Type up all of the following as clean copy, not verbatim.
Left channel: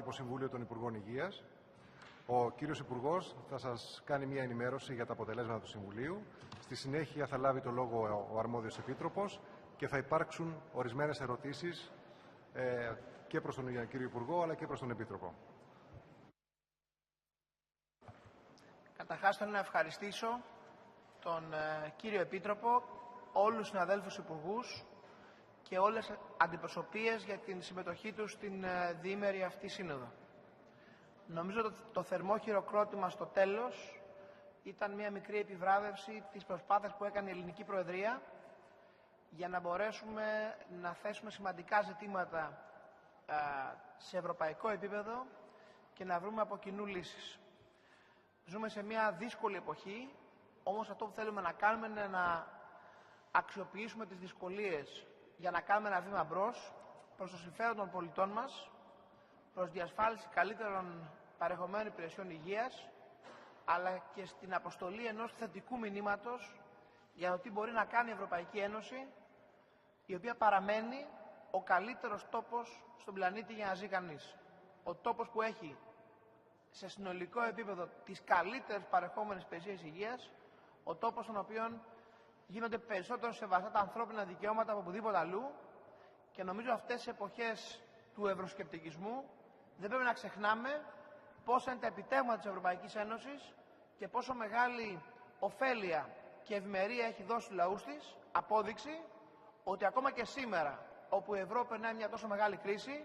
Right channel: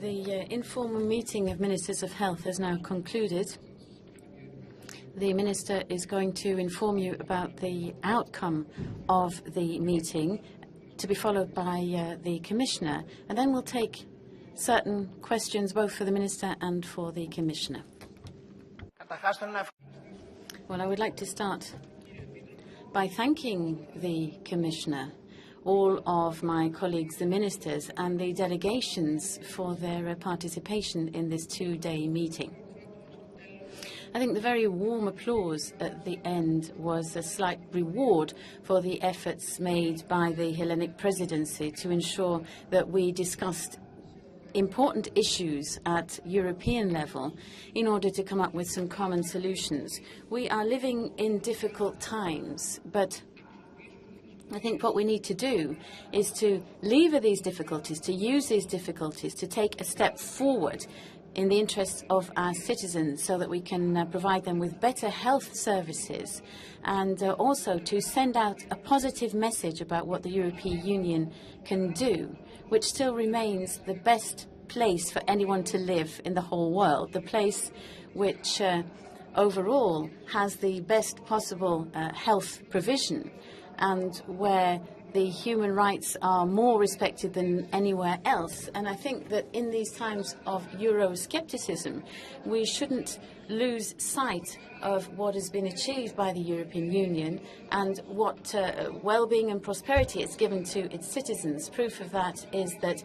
The informal meeting of Ministers of Health has now concluded. The Minister is going to inform you about the outcome of the meeting, to be followed by the Commissioner, and then we'll take certain questions both for the Minister and for the Commissioner. Well, I would like to start by thanking the Commissioner, all of my colleagues, the ministers, and the delegations for their participation in this two-day meeting. I think the very warm applause at the end was a slight reward for the efforts made by the Hellenic presidency to ensure that we discussed important issues at European level in order to come up with some common solutions. We are living in difficult times, but I think what we need to do is to lever these difficulties, to use these difficulties to take a step forward in the interests of our citizens so that we can provide them with better health services, and also to send out a positive message about what the European Union can do, which still remains the best place for anyone to live in the whole world, the place which overall has the best possible health provision, and where the human rights are more respected than anywhere else. And I think that in these times of Euroscepticism, we shouldn't lose sight of what has been achieved by the European Union and what well-being and prosperity it's given to its citizens. Proof of that is that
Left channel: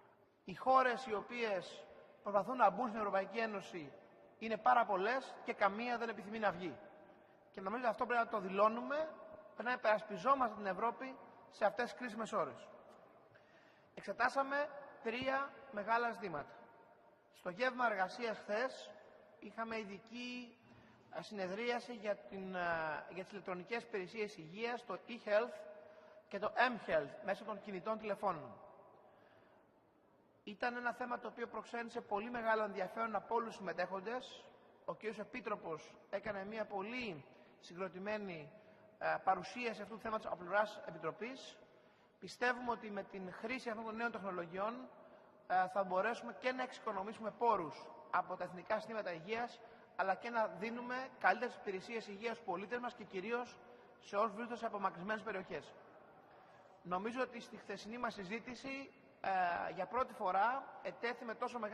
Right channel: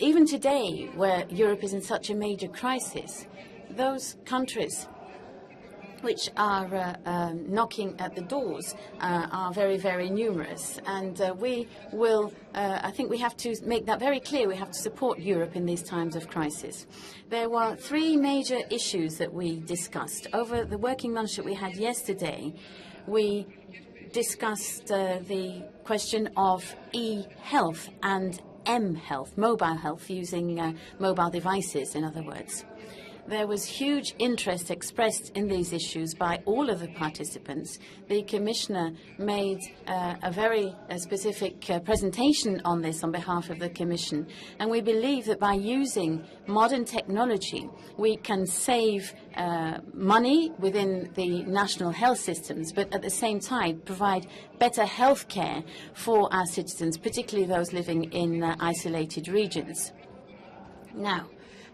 even today, where Europe is in such a major crisis, those countries which are knocking at the doors are very, very numerous. And we will, I think we have to make that very clear. We have to support Europe in these times of crisis. There were three major issues that we discussed. Over the working lunch that we had yesterday, we discussed the question of e-health and m-health, mobile health, using mobile devices, in other words. There was huge interest expressed in these issues by all of the participants. The Commissioner made a very specific presentation on this on behalf of the Commission, and we believe that by using modern technology, we can save money within the national health systems, but at the same time provide better health care for our citizens, particularly those living in isolated regions. Now,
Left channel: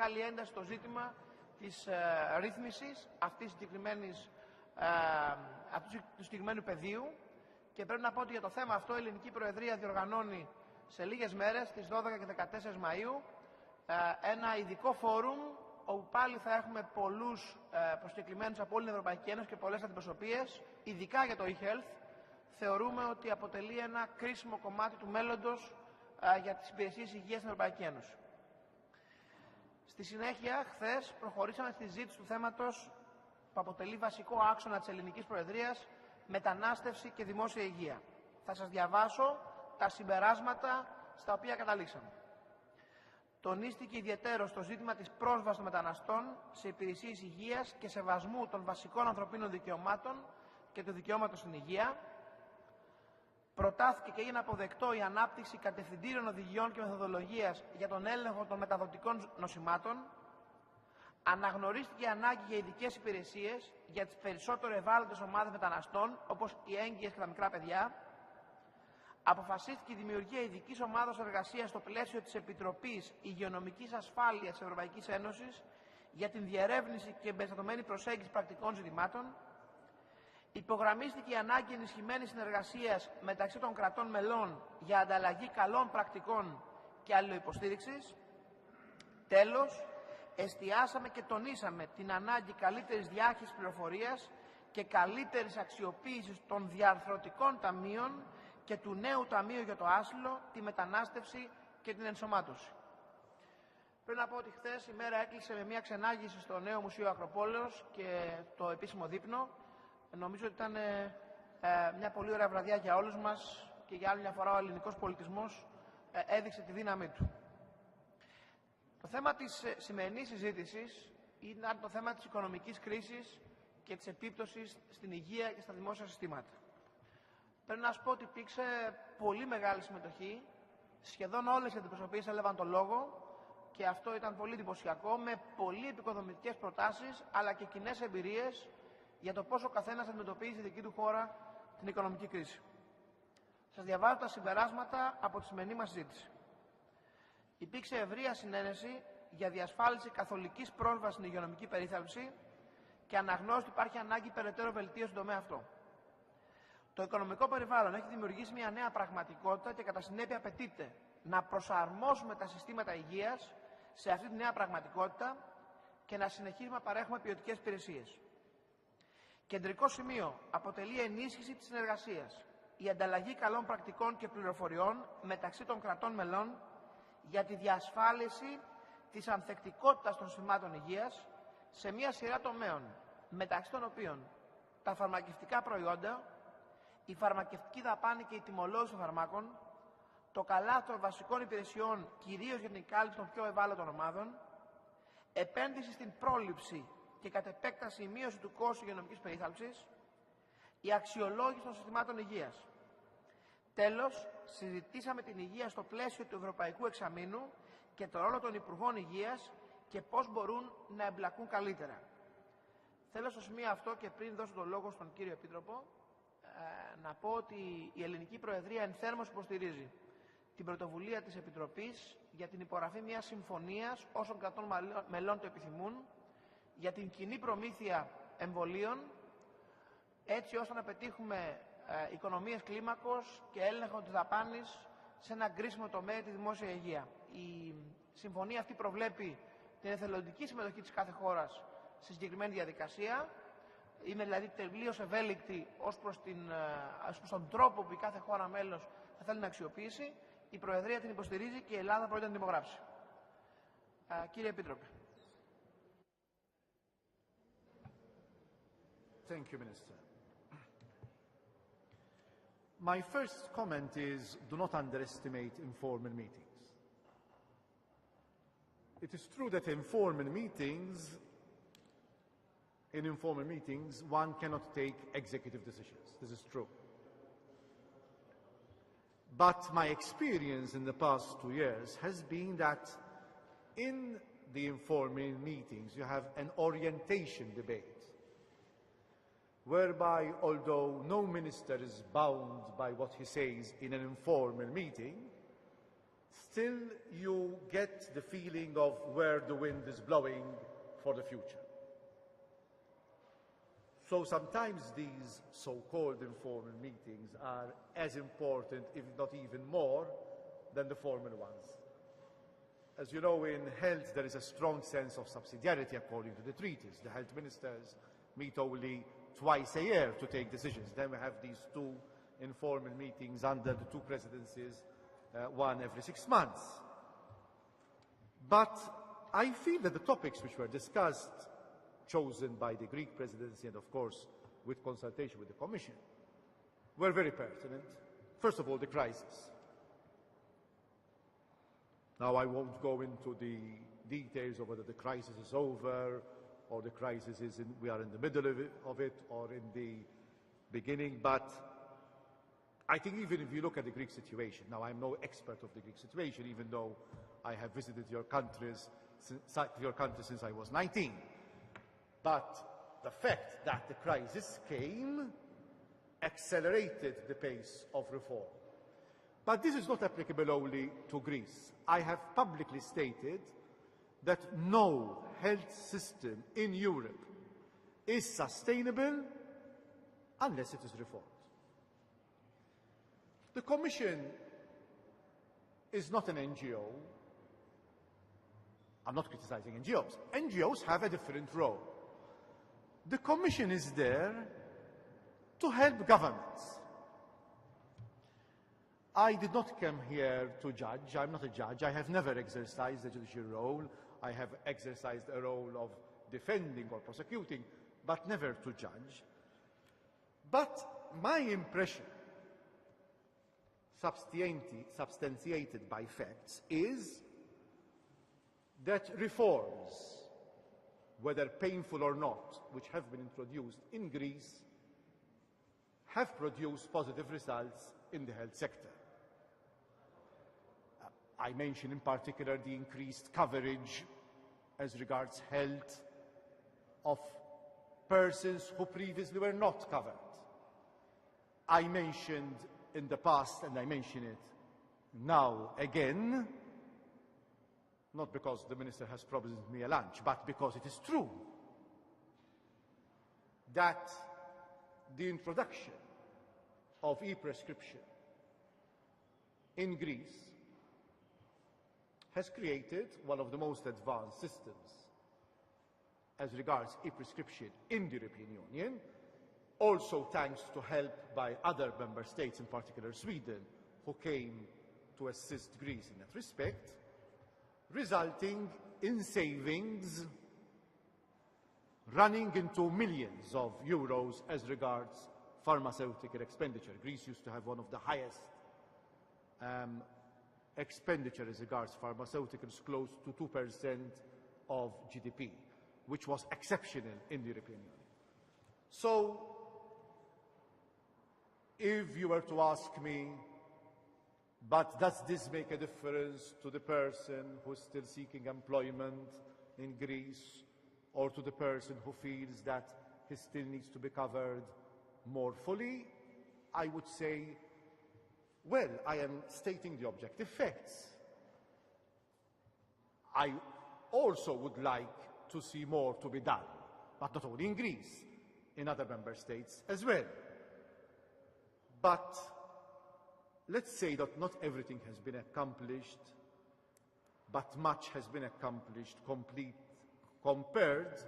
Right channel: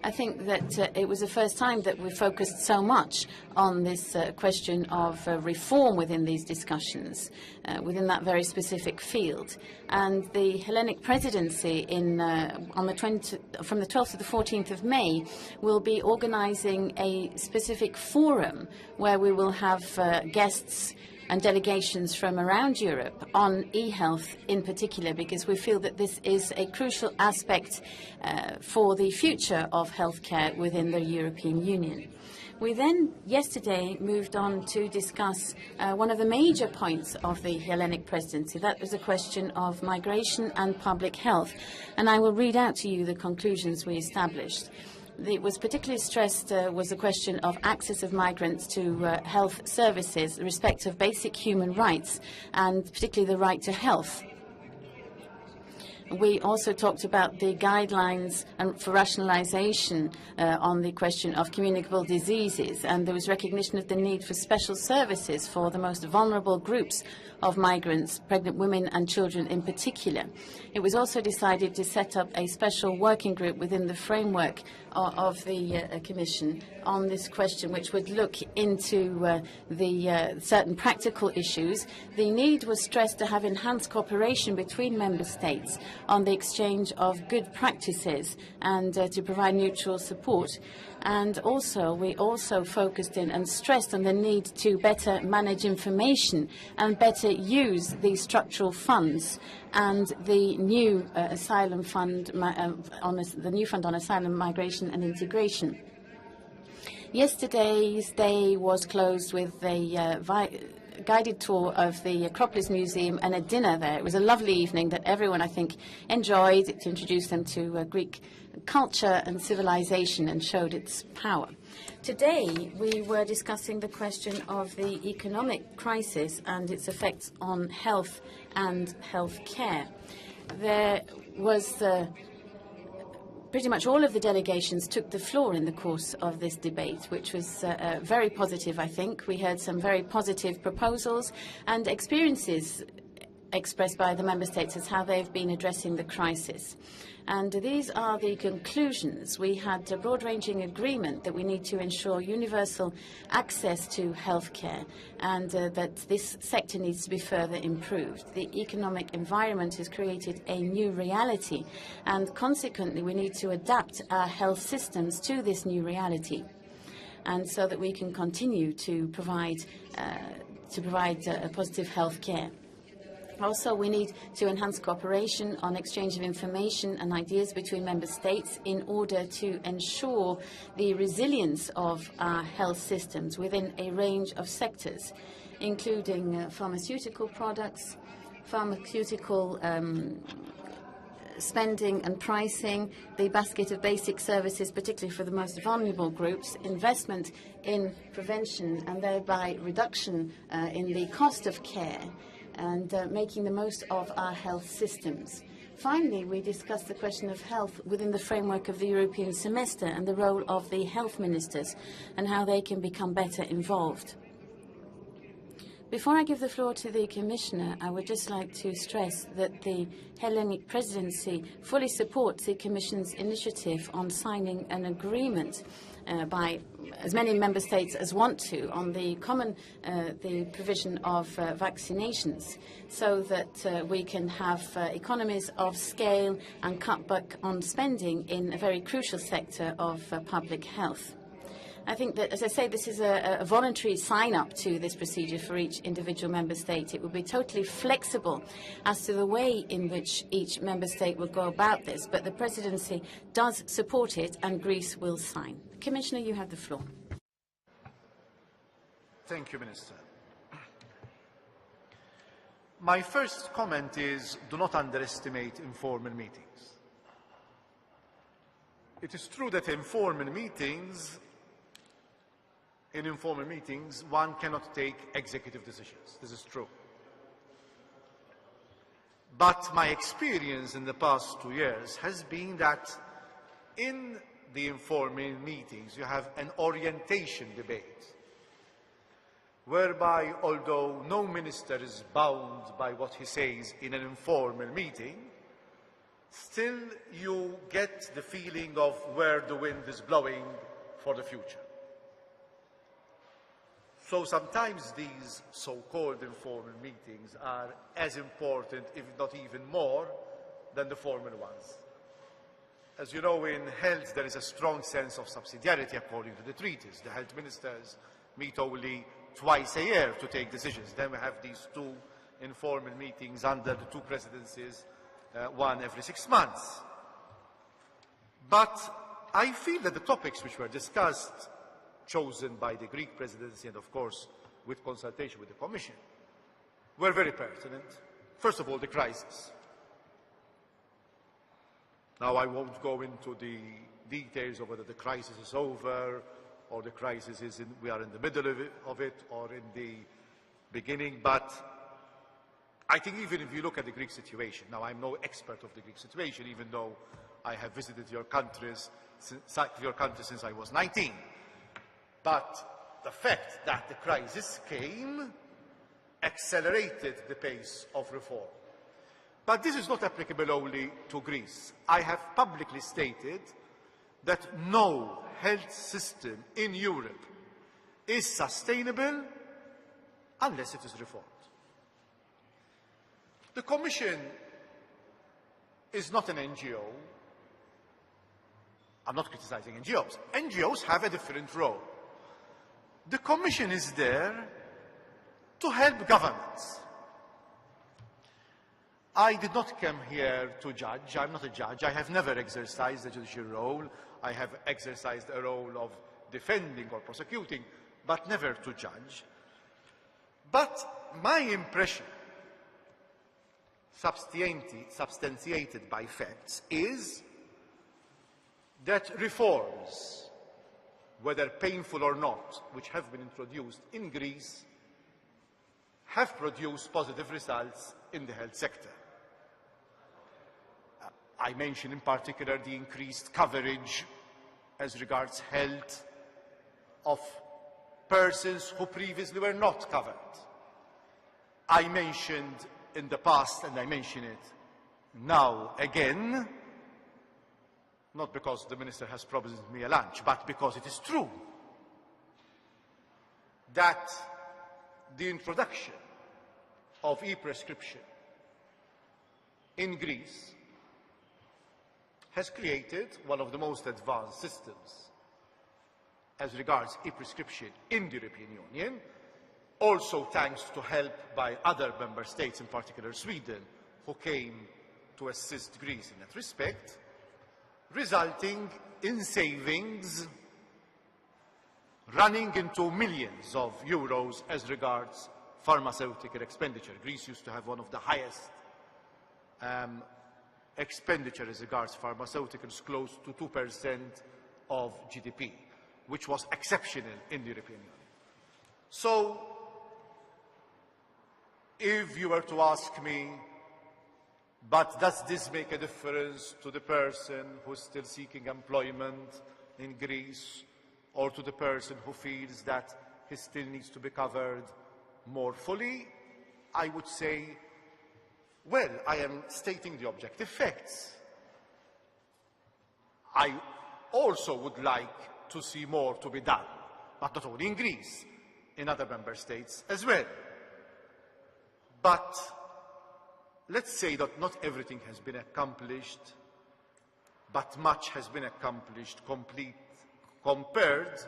I think that it was the first time that we focused so much on this question of reform within these discussions, within that very specific field. And the Hellenic presidency from the 12th to the 14th of May will be organizing a specific forum where we will have guests and delegations from around Europe on e-health in particular, because we feel that this is a crucial aspect for the future of healthcare within the European Union. We then, yesterday, moved on to discuss one of the major points of the Hellenic presidency. That was a question of migration and public health. And I will read out to you the conclusions we established. It was particularly stressed was the question of access of migrants to health services, the respect of basic human rights, and particularly the right to health. We also talked about the guidelines for rationalization on the question of communicable diseases, and there was recognition of the need for special services for the most vulnerable groups of migrants, pregnant women and children in particular. It was also decided to set up a special working group within the framework of the Commission on this question, which would look into the certain practical issues. The need was stressed to have enhanced cooperation between member states on the exchange of good practices and to provide mutual support. And also, we also focused in and stressed on the need to better manage information and better use the structural funds and the new asylum fund, the new fund on asylum, migration and integration. Yesterday's day was closed with a guided tour of the Acropolis Museum and a dinner there. It was a lovely evening that everyone, I think, enjoyed. It introduced them to Greek culture and civilization and showed its power. Today, we were discussing the question of the economic crisis and its effects on health and health care. there was pretty much all of the delegations took the floor in the course of this debate, which was very positive, I think. We heard some very positive proposals and experiences expressed by the member states as how they've been addressing the crisis. And these are the conclusions. We had a broad-ranging agreement that we need to ensure universal access to healthcare and that this sector needs to be further improved. The economic environment has created a new reality, and consequently we need to adapt our health systems to this new reality, and so that we can continue to provide a positive health care. Also, we need to enhance cooperation on exchange of information and ideas between member states in order to ensure the resilience of our health systems within a range of sectors, including pharmaceutical products, pharmaceutical spending and pricing, the basket of basic services, particularly for the most vulnerable groups, investment in prevention and thereby reduction in the cost of care, and making the most of our health systems. Finally, we discussed the question of health within the framework of the European semester and the role of the health ministers and how they can become better involved. Before I give the floor to the Commissioner, I would just like to stress that the Hellenic Presidency fully supports the Commission's initiative on signing an agreement by as many member states as want to on the provision of vaccinations, so that we can have economies of scale and cut back on spending in a very crucial sector of public health. I think that, as I say, this is a voluntary sign-up to this procedure for each individual member state. It will be totally flexible as to the way in which each member state will go about this, but the presidency does support it and Greece will sign. Commissioner, you have the floor. Thank you, Minister. My first comment is, do not underestimate informal meetings. It is true that in informal meetings, one cannot take executive decisions. This is true. But my experience in the past 2 years has been that in the informal meetings, you have an orientation debate, whereby, although no minister is bound by what he says in an informal meeting, still you get the feeling of where the wind is blowing for the future. So sometimes these so-called informal meetings are as important, if not even more, than the formal ones. As you know, in health there is a strong sense of subsidiarity according to the treaties. The health ministers meet only twice a year to take decisions. Then we have these two informal meetings under the two presidencies, one every 6 months. But I feel that the topics which were discussed, chosen by the Greek presidency and of course with consultation with the Commission, were very pertinent. First of all, the crisis. Now I won't go into the details of whether the crisis is over or the crisis is we are in the middle of it or in the beginning, but I think even if you look at the Greek situation, now I'm no expert of the Greek situation, even though I have visited your country since I was 19. But the fact that the crisis came accelerated the pace of reform. But this is not applicable only to Greece. I have publicly stated that no health system in Europe is sustainable unless it is reformed. The Commission is not an NGO. I'm not criticizing NGOs. NGOs have a different role. The Commission is there to help governments. I did not come here to judge. I'm not a judge. I have never exercised a judicial role. I have exercised a role of defending or prosecuting, but never to judge. But my impression, substantiated by facts, is that reforms, whether painful or not, which have been introduced in Greece, have produced positive results in the health sector. I mentioned in particular the increased coverage as regards health of persons who previously were not covered. I mentioned in the past, and I mention it now again, not because the Minister has promised me a lunch, but because it is true, that the introduction of e-prescription in Greece has created one of the most advanced systems as regards e-prescription in the European Union, also thanks to help by other member states, in particular Sweden, who came to assist Greece in that respect, resulting in savings running into millions of euros as regards pharmaceutical expenditure. Greece used to have one of the highest expenditure as regards pharmaceuticals, close to 2% of GDP, which was exceptional in the European Union. So, if you were to ask me, but does this make a difference to the person who's still seeking employment in Greece, or to the person who feels that he still needs to be covered more fully? I would say, well, I am stating the objective facts. I also would like to see more to be done, but not only in Greece, in other member states as well. But let's say that not everything has been accomplished, but much has been accomplished compared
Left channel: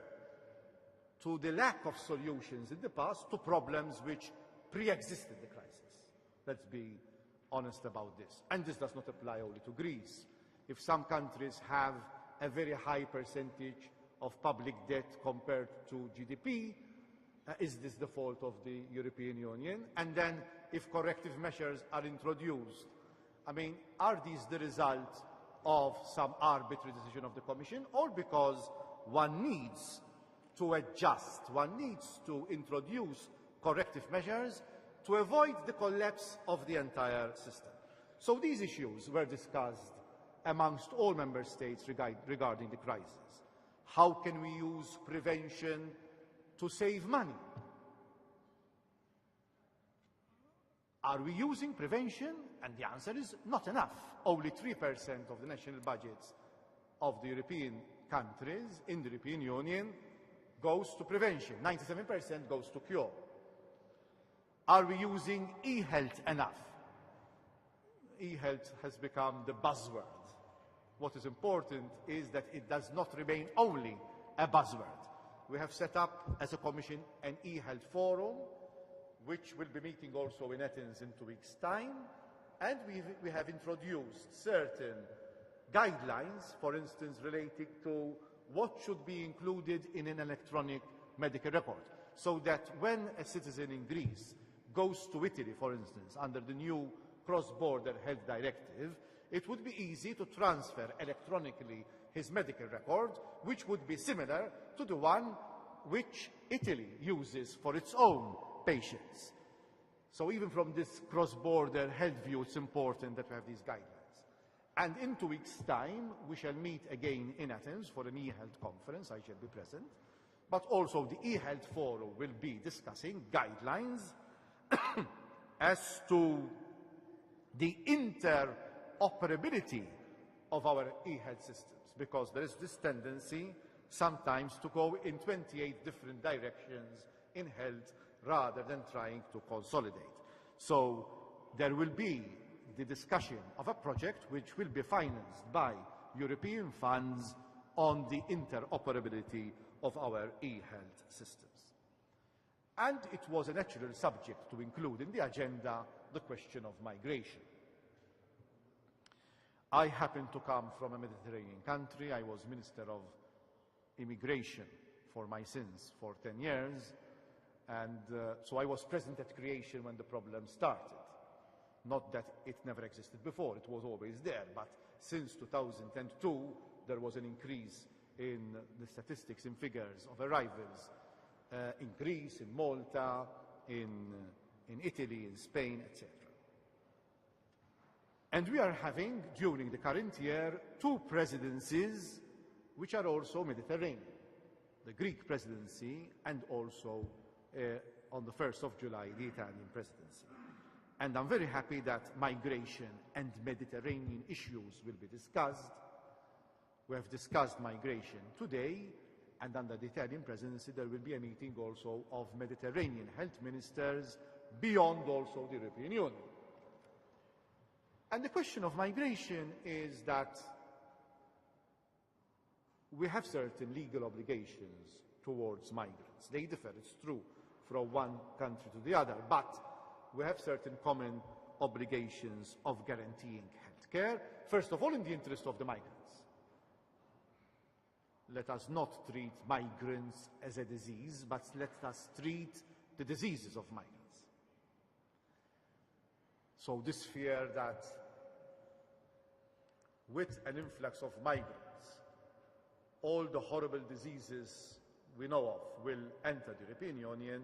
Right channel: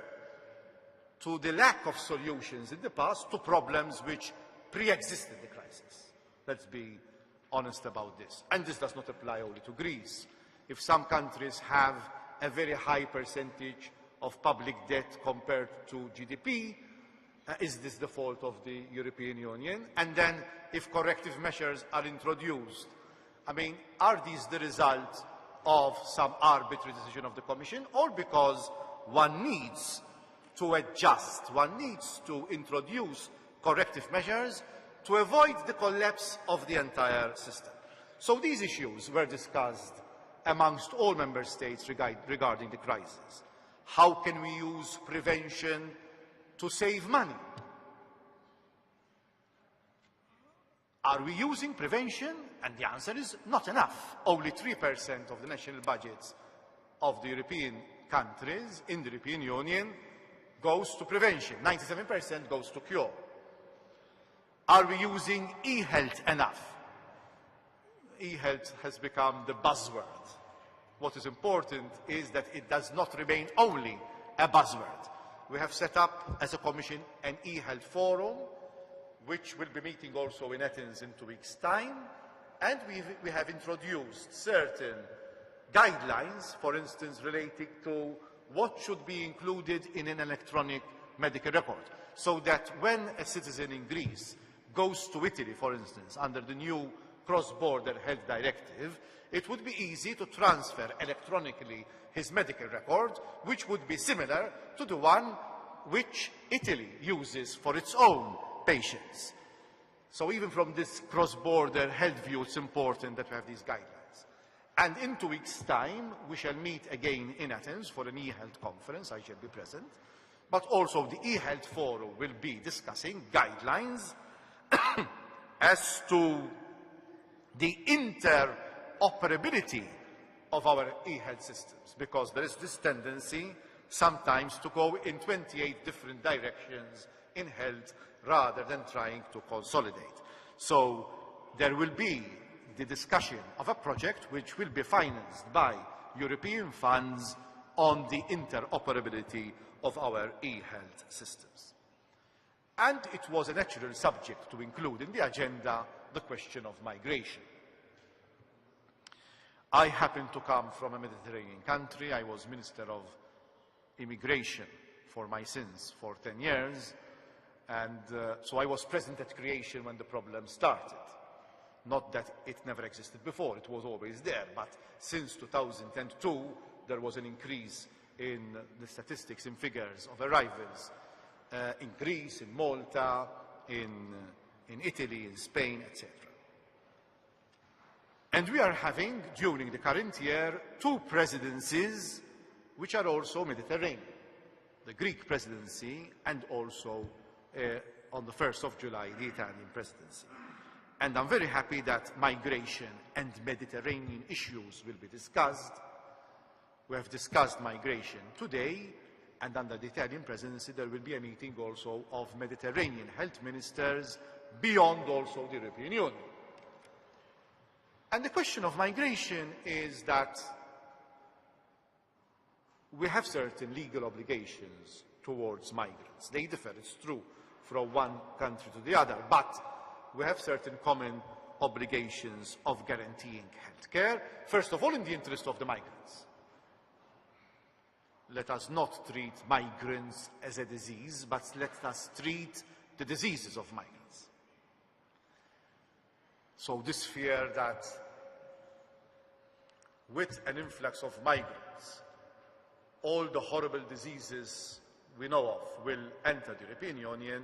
to the lack of solutions in the past to problems which pre-existed the crisis. Let's be honest about this. And this does not apply only to Greece. If some countries have a very high percentage of public debt compared to GDP, is this the fault of the European Union? And then, if corrective measures are introduced, I mean, are these the result of some arbitrary decision of the Commission, or because one needs to adjust, one needs to introduce corrective measures to avoid the collapse of the entire system? So these issues were discussed amongst all member states regarding the crisis. How can we use prevention to save money? Are we using prevention? And the answer is not enough. Only 3% of the national budgets of the European countries in the European Union goes to prevention. 97% goes to cure. Are we using e-health enough? E-health has become the buzzword. What is important is that it does not remain only a buzzword. We have set up as a Commission an e-health forum, which will be meeting also in Athens in 2 weeks' time, and we have introduced certain guidelines, for instance, relating to what should be included in an electronic medical record, so that when a citizen in Greece goes to Italy, for instance, under the new cross-border health directive, it would be easy to transfer electronically his medical record, which would be similar to the one which Italy uses for its own patients. So even from this cross-border health view, it's important that we have these guidelines. And in 2 weeks' time, we shall meet again in Athens for an e-health conference. I shall be present. But also the e-health forum will be discussing guidelines as to the interoperability of our e-health systems, because there is this tendency sometimes to go in 28 different directions in health rather than trying to consolidate. So there will be the discussion of a project which will be financed by European funds on the interoperability of our e-health systems. And it was a natural subject to include in the agenda the question of migration. I happen to come from a Mediterranean country. I was Minister of Immigration for my sins for 10 years, and so I was present at creation when the problem started. Not that it never existed before, it was always there, but since 2002 there was an increase in the statistics, in figures of arrivals in Greece, in Malta, in Italy, in Spain, etc. And we are having, during the current year, 2 presidencies which are also Mediterranean. The Greek presidency and also on the 1st of July, the Italian presidency. And I'm very happy that migration and Mediterranean issues will be discussed. We have discussed migration today, and under the Italian presidency there will be a meeting also of Mediterranean health ministers beyond also the European Union. And the question of migration is that we have certain legal obligations towards migrants. They differ, it's true, from one country to the other, but we have certain common obligations of guaranteeing health care, first of all in the interest of the migrants. Let us not treat migrants as a disease, but let us treat the diseases of migrants. So this fear that with an influx of migrants, all the horrible diseases we know of will enter the European Union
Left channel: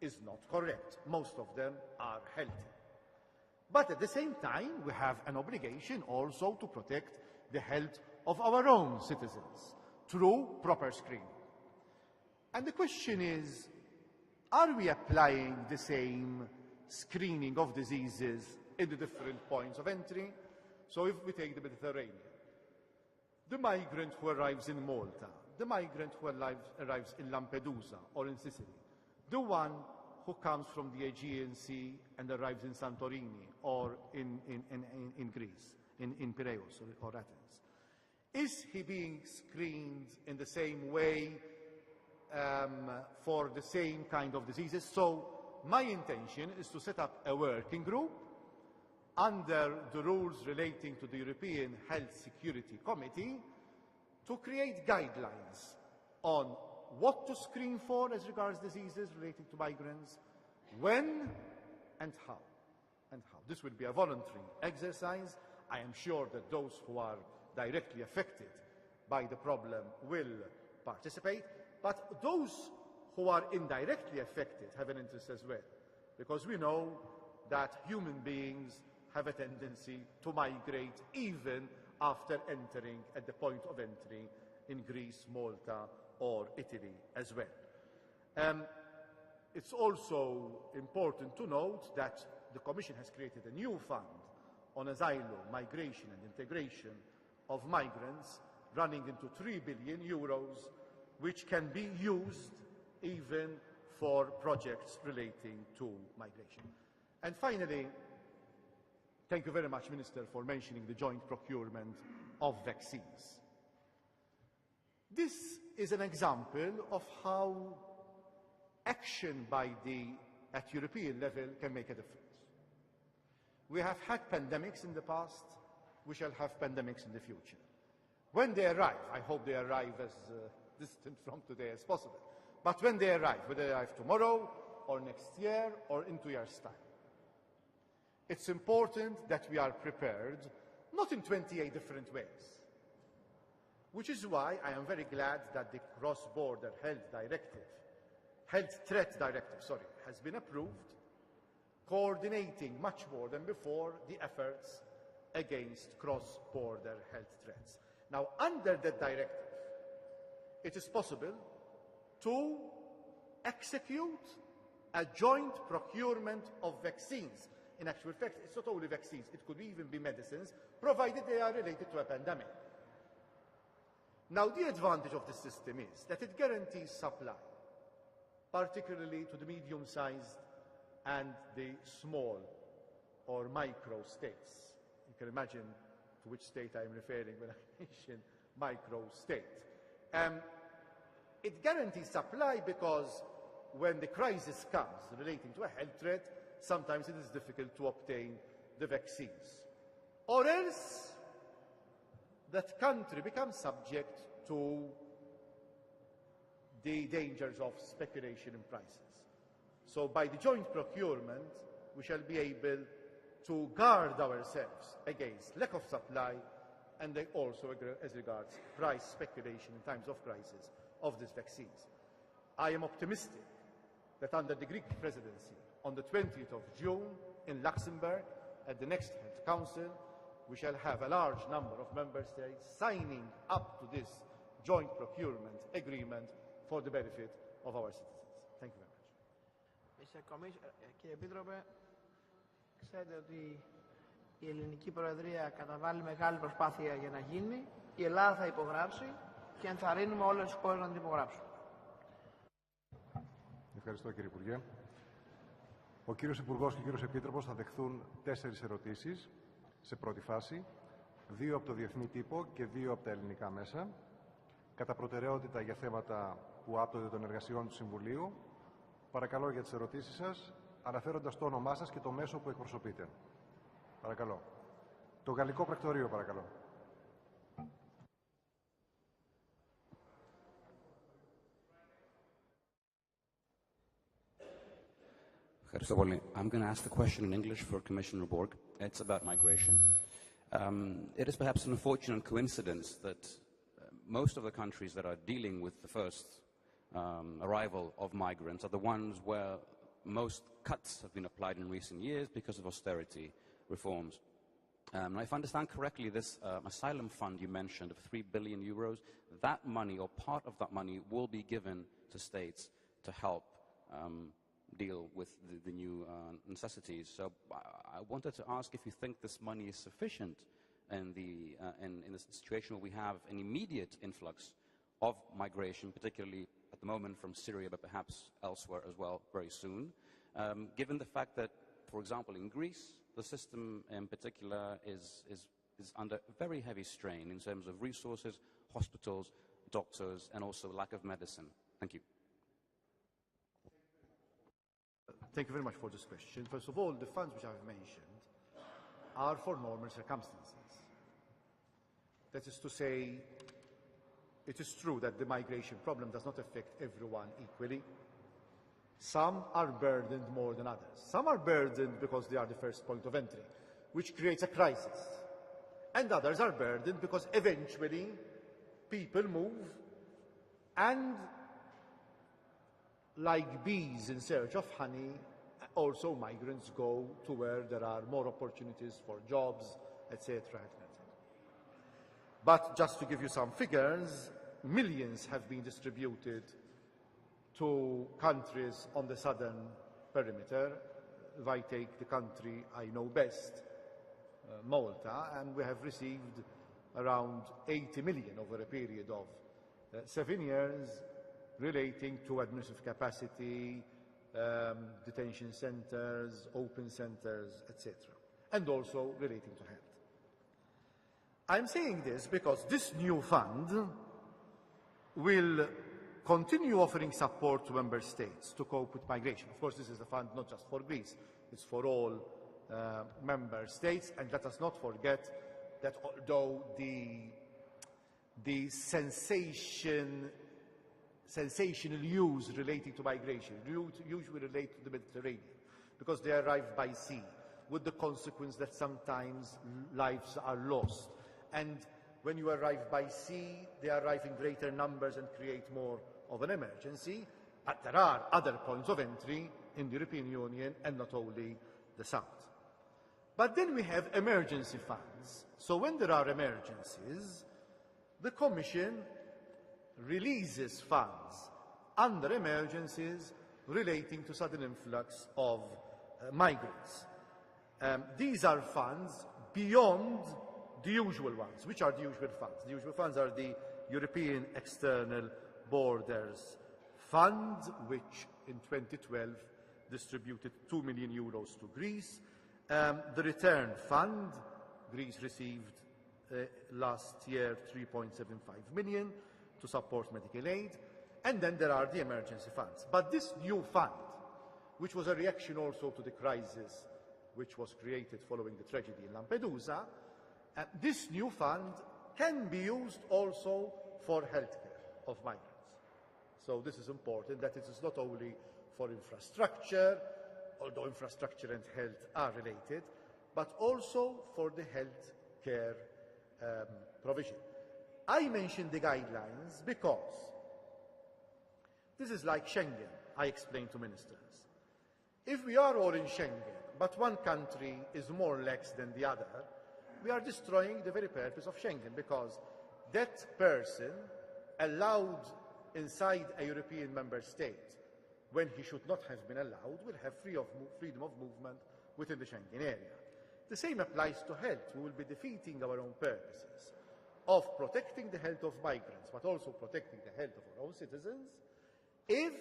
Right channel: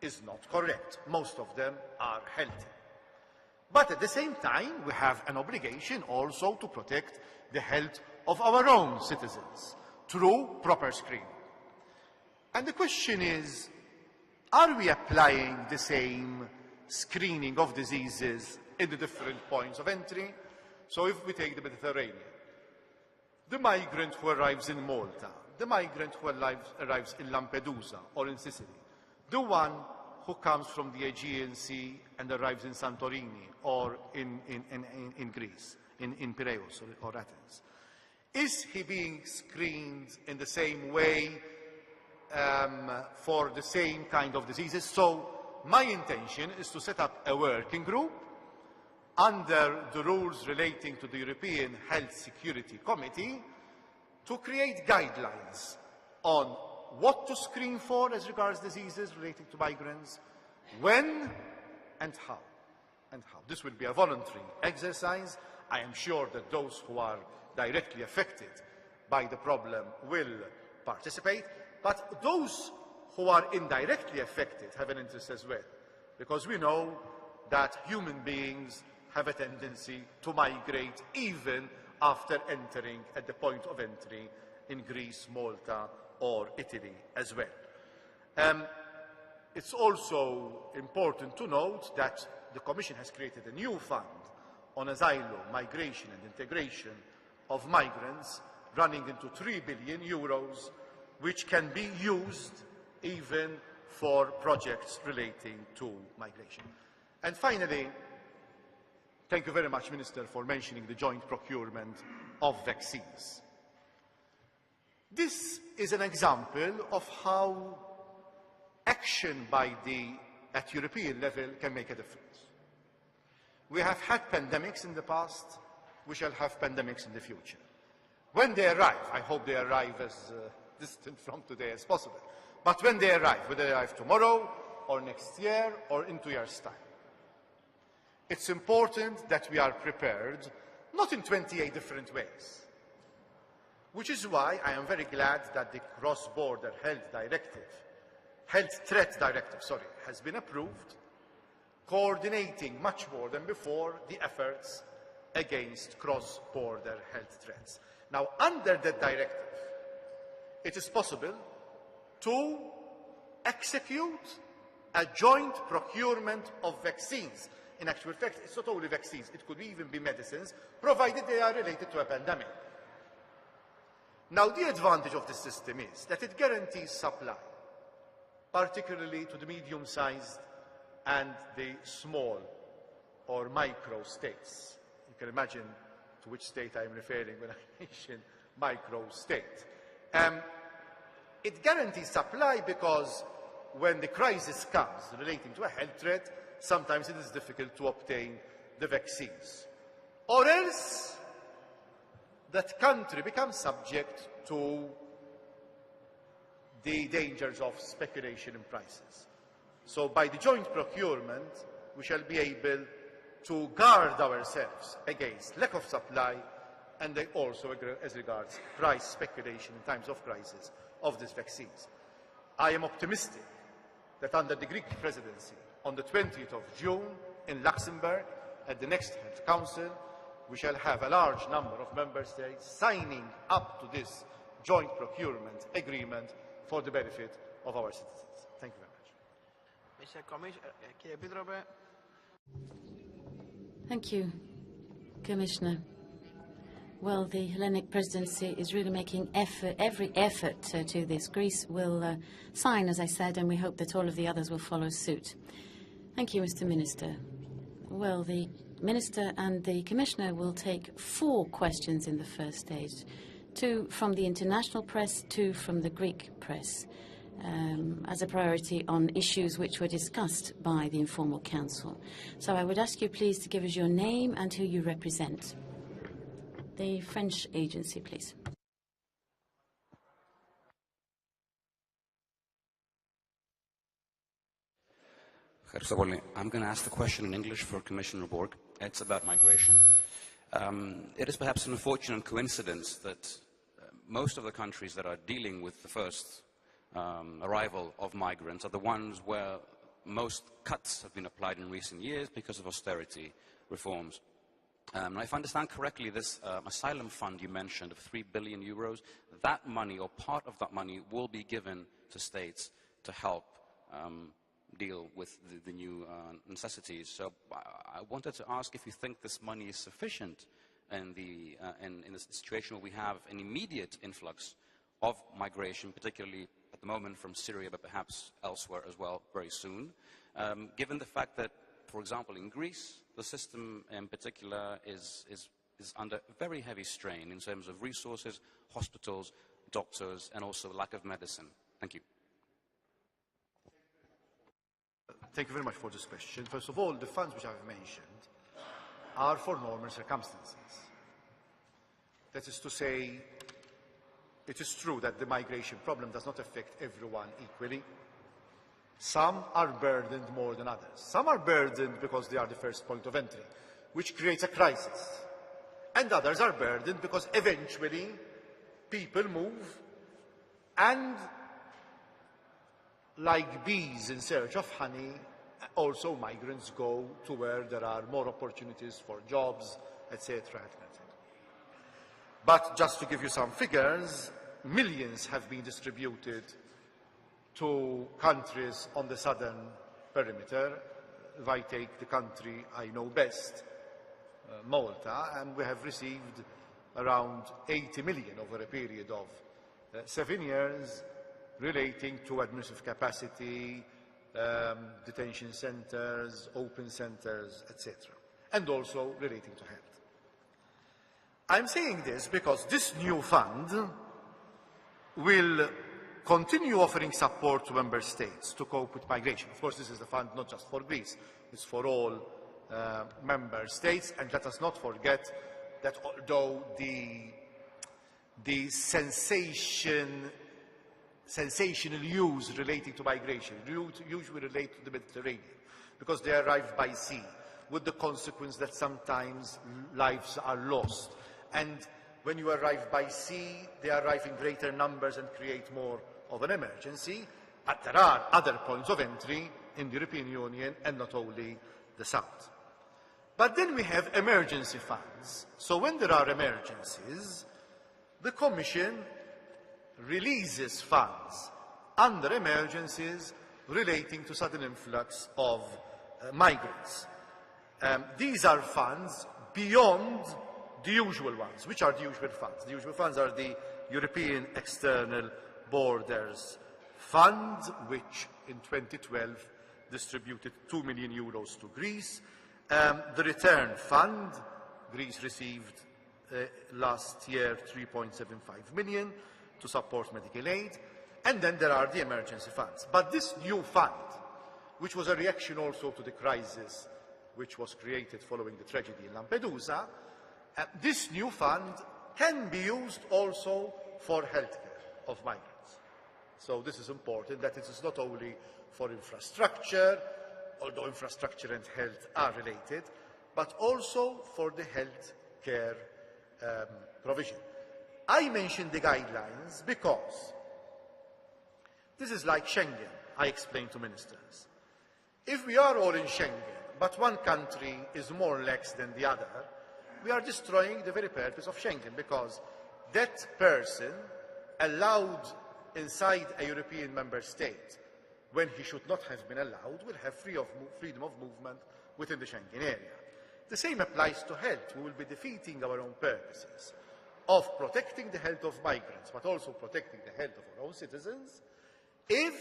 is not correct. Most of them are healthy. But at the same time, we have an obligation also to protect the health of our own citizens through proper screening. And the question is, are we applying the same screening of diseases in the different points of entry? So if we take the Mediterranean, the migrant who arrives in Malta, the migrant who arrives in Lampedusa or in Sicily, the one who comes from the Aegean Sea and arrives in Santorini or in Greece, in Piraeus or Athens, is he being screened in the same way for the same kind of diseases? So my intention is to set up a working group under the rules relating to the European Health Security Committee to create guidelines on what to screen for as regards diseases relating to migrants, when and how. This will be a voluntary exercise. I am sure that those who are directly affected by the problem will participate, but those who are indirectly affected have an interest as well, because we know that human beings have a tendency to migrate even after entering at the point of entry in Greece, Malta, or Italy as well. It's also important to note that the Commission has created a new fund on asylum, migration and integration of migrants, running into 3 billion euros, which can be used even for projects relating to migration. And finally, thank you very much, Minister, for mentioning the joint procurement of vaccines. This is an example of how action at European level can make a difference. We have had pandemics in the past, we shall have pandemics in the future. When they arrive, I hope they arrive as distant from today as possible, but when they arrive, whether they arrive tomorrow or next year or in 2 years' time, it's important that we are prepared, not in 28 different ways, which is why I am very glad that the cross-border health threat directive, has been approved, coordinating much more than before the efforts against cross-border health threats. Now, under that directive, it is possible to execute a joint procurement of vaccines. In actual fact, it's not only vaccines, it could even be medicines, provided they are related to a pandemic. Now, the advantage of this system is that it guarantees supply, particularly to the medium-sized and the small or micro states. You can imagine to which state I am referring when I mention micro state. It guarantees supply because when the crisis comes relating to a health threat, sometimes it is difficult to obtain the vaccines. Or else, that country becomes subject to the dangers of speculation in prices. So by the joint procurement, we shall be able to guard ourselves against lack of supply and also as regards price speculation in times of crisis of these vaccines. I am optimistic that under the Greek presidency, on the 20th of June in Luxembourg, at the next Health Council, we shall have a large number of member states signing up to this joint procurement agreement for the benefit of our citizens. Thank you very much. Thank you, Commissioner. Well, the Hellenic presidency is really making every effort to do this. Greece will sign, as I said, and we hope that all of the others will follow suit. Thank you, Mr. Minister. Well, the Minister and the Commissioner will take 4 questions in the first stage. 2 from the international press, 2 from the Greek press, as a priority on issues which were discussed by the Informal Council. So I would ask you please to give us your name and who you represent. The French agency, please. I'm going to ask the question in English for Commissioner Borg. It's about migration. It is perhaps an unfortunate coincidence that most of the countries that are dealing with the first arrival of migrants are the ones where most cuts have been applied in recent years because of austerity reforms. If I understand correctly, this asylum fund you mentioned of 3 billion euros, that money or part of that money will be given to states to help deal with the new necessities. So I wanted to ask if you think this money is sufficient in the situation where we have an immediate influx of migration, particularly at the moment from Syria, but perhaps elsewhere as well very soon, given the fact that, for example, in Greece, the system in particular is under very heavy strain in terms of resources, hospitals, doctors, and also lack of medicine. Thank you. Thank you very much for this question. First of all, the funds which I've mentioned are for normal circumstances. That is to say, it is true that the migration problem does not affect everyone equally. Some are burdened more than others. Some are burdened because they are the first point of entry, which creates a crisis. And others are burdened because eventually people move, and like bees in search of honey, also migrants go to where there are more opportunities for jobs, etc. But just to give you some figures, millions have been distributed to countries on the southern perimeter. If I take the country I know best, Malta, and we have received around 80 million over a period of 7 years, relating to administrative capacity, detention centers, open centers, etc., and also relating to health. I'm saying this because this new fund will continue offering support to member states to cope with migration. Of course, this is a fund not just for Greece, it's for all member states, and let us not forget that although the sensational news relating to migration usually relate to the Mediterranean, because they arrive by sea, with the consequence that sometimes lives are lost. And when you arrive by sea, they arrive in greater numbers and create more of an emergency. But there are other points of entry in the European Union, and not only the south. But then we have emergency funds. So when there are emergencies, the Commission releases funds under emergencies relating to sudden influx of migrants. These are funds beyond the usual ones. Which are the usual funds? The usual funds are the European External Borders Fund, which in 2012 distributed 2 million euros to Greece. The Return Fund, Greece received last year 3.75 million to support medical aid. And then there are the emergency funds. But this new fund, which was a reaction also to the crisis which was created following the tragedy in Lampedusa, this new fund can be used also for healthcare of migrants. So this is important, that it is not only for infrastructure, although infrastructure and health are related, but also for the health care provision. I mentioned the guidelines because this is like Schengen, I explained to ministers. If we are all in Schengen, but one country is more lax than the other, we are destroying the very purpose of Schengen, because that person allowed inside a European member state when he should not have been allowed will have freedom of movement within the Schengen area. The same applies to health. We will be defeating our own purposes of protecting the health of migrants, but also protecting the health of our own citizens, if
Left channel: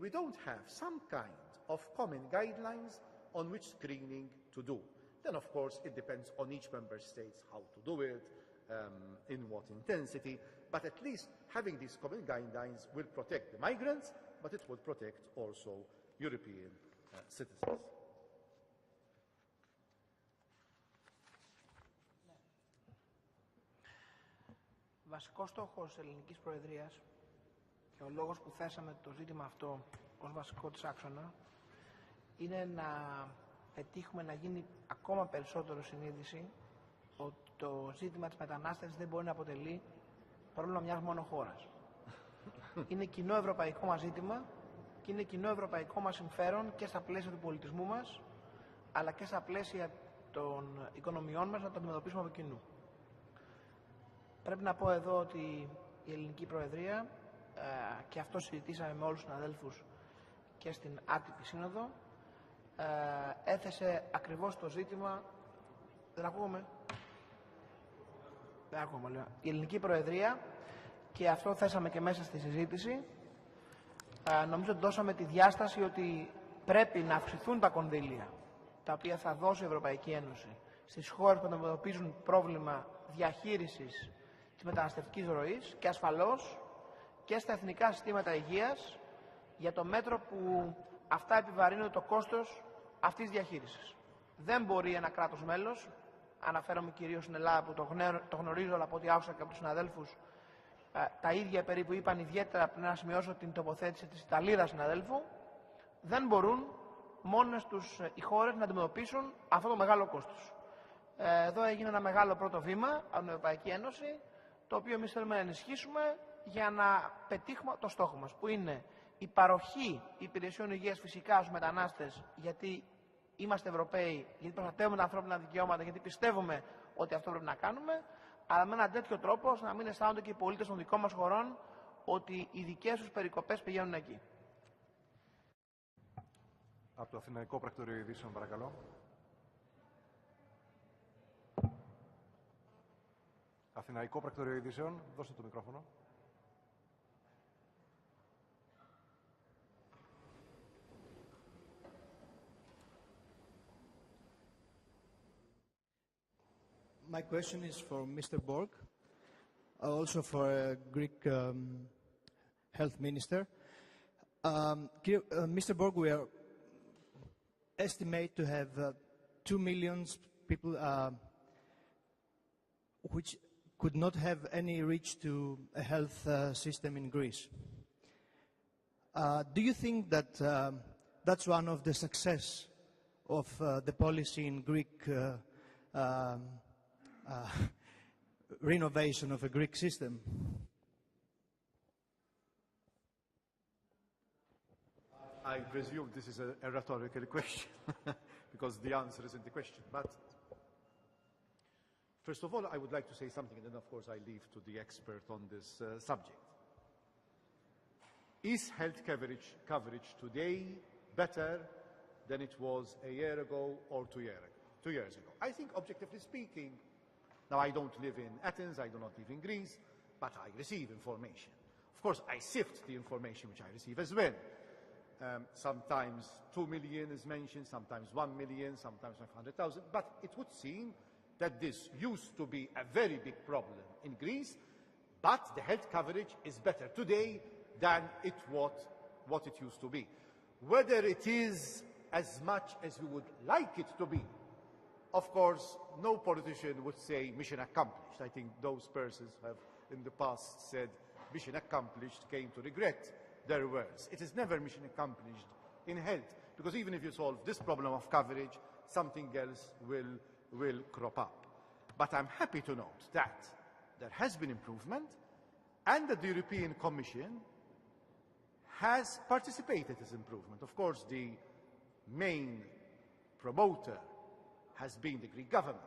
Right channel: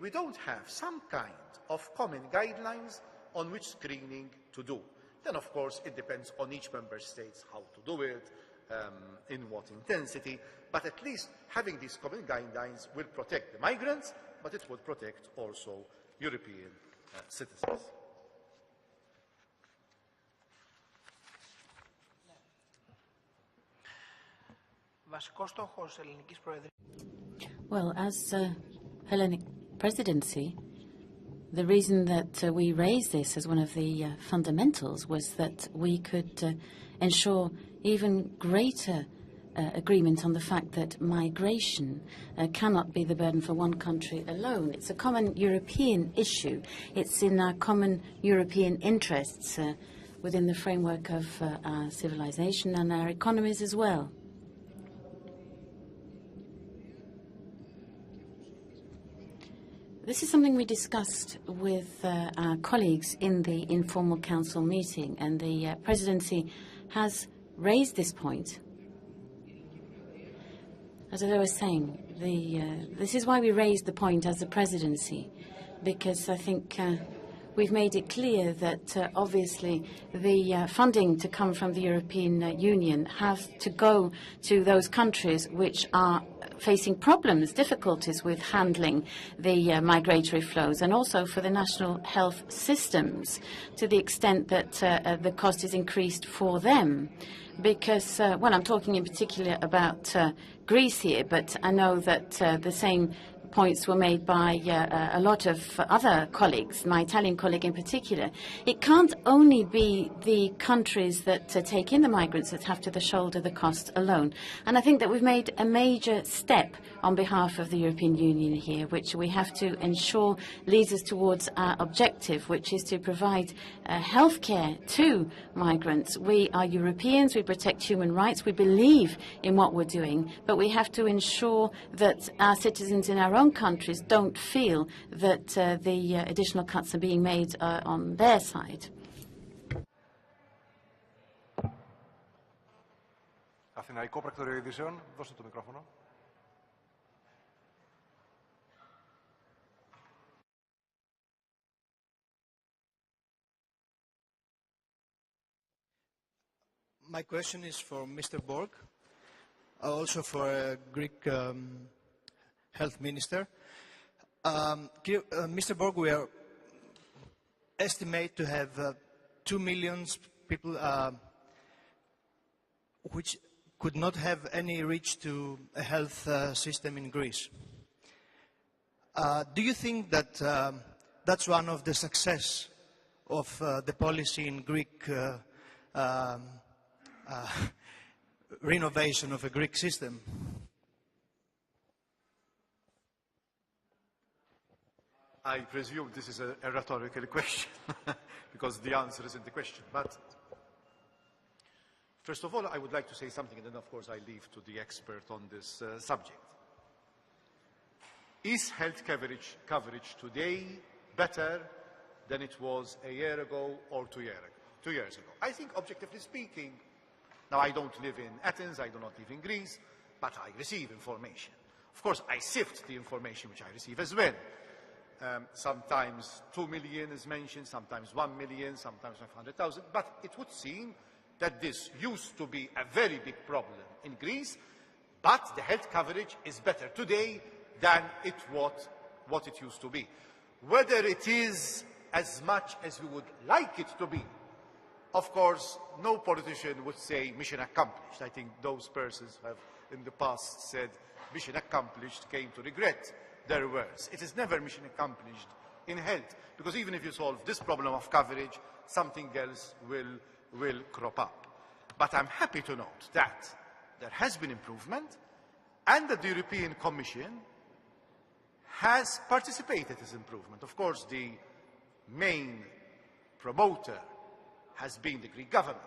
we don't have some kind of common guidelines on which screening to do. Then, of course, it depends on each member state how to do it, in what intensity, but at least having these common guidelines will protect the migrants, but it will protect also European citizens. Well, as Hellenic presidency, the reason that we raised this as one of the fundamentals was that we could ensure even greater agreement on the fact that migration cannot be the burden for one country alone. It's a common European issue. It's in our common European interests within the framework of our civilization and our economies as well. Πρέπει να πω εδώ ότι η ελληνική προεδρία και αυτό συζητήσαμε με όλους τους συναδέλφους. This is something we discussed with our colleagues in the informal council meeting, and the presidency has raised this point. Η ελληνική προεδρία As I was saying, this is why we raised the point as a presidency, because I think we've made it clear that obviously the funding to come from the European Union has to go to those countries which are facing problems, difficulties with handling the migratory flows, and also for the national health systems, to the extent that the cost is increased for them. Because, well, I'm talking in particular about Greece here, but I know that the same points were made by a lot of other colleagues, my Italian colleague in particular. It can't only be the countries that take in the migrants that have to shoulder the cost alone. And I think that we've made a major step on behalf of the European Union here, which we have to ensure leads us towards our objective, which is to provide health care to migrants. We are Europeans, we protect human rights, we believe in what we're doing, but we have to ensure that our citizens in our own countries don't feel that the additional cuts are being made on their side. Αθηναϊκό Πρακτορείο Ειδήσεων, δώστε το μικρόφωνο. My question is for Mr. Borg, also for a Greek health minister. Mr. Borg, we are estimate to have 2 million people which could not have any reach to a health system in Greece. Do you think that that's one of the success of the policy in Greek renovation of a Greek system? I presume this is a rhetorical question because the answer is in the question. But first of all, I would like to say something, and then of course I leave to the expert on this subject. Is health coverage today better than it was a year ago or 2 years ago? I think, objectively speaking, now I don't live in Athens, I do not live in Greece, but I receive information. Of course, I sift the information which I receive as well. Sometimes 2 million is mentioned, sometimes 1 million, sometimes 500,000, but it would seem that this used to be a very big problem in Greece, but the health coverage is better today than what it used to be. Whether it is as much as we would like it to be, of course, no politician would say mission accomplished. I think those persons who have in the past said mission accomplished came to regret their words. It is never mission accomplished in health, because even if you solve this problem of coverage, something else will crop up. But I'm happy to note that there has been improvement and that the European Commission has participated in this improvement. Of course, the main promoter has been the Greek government,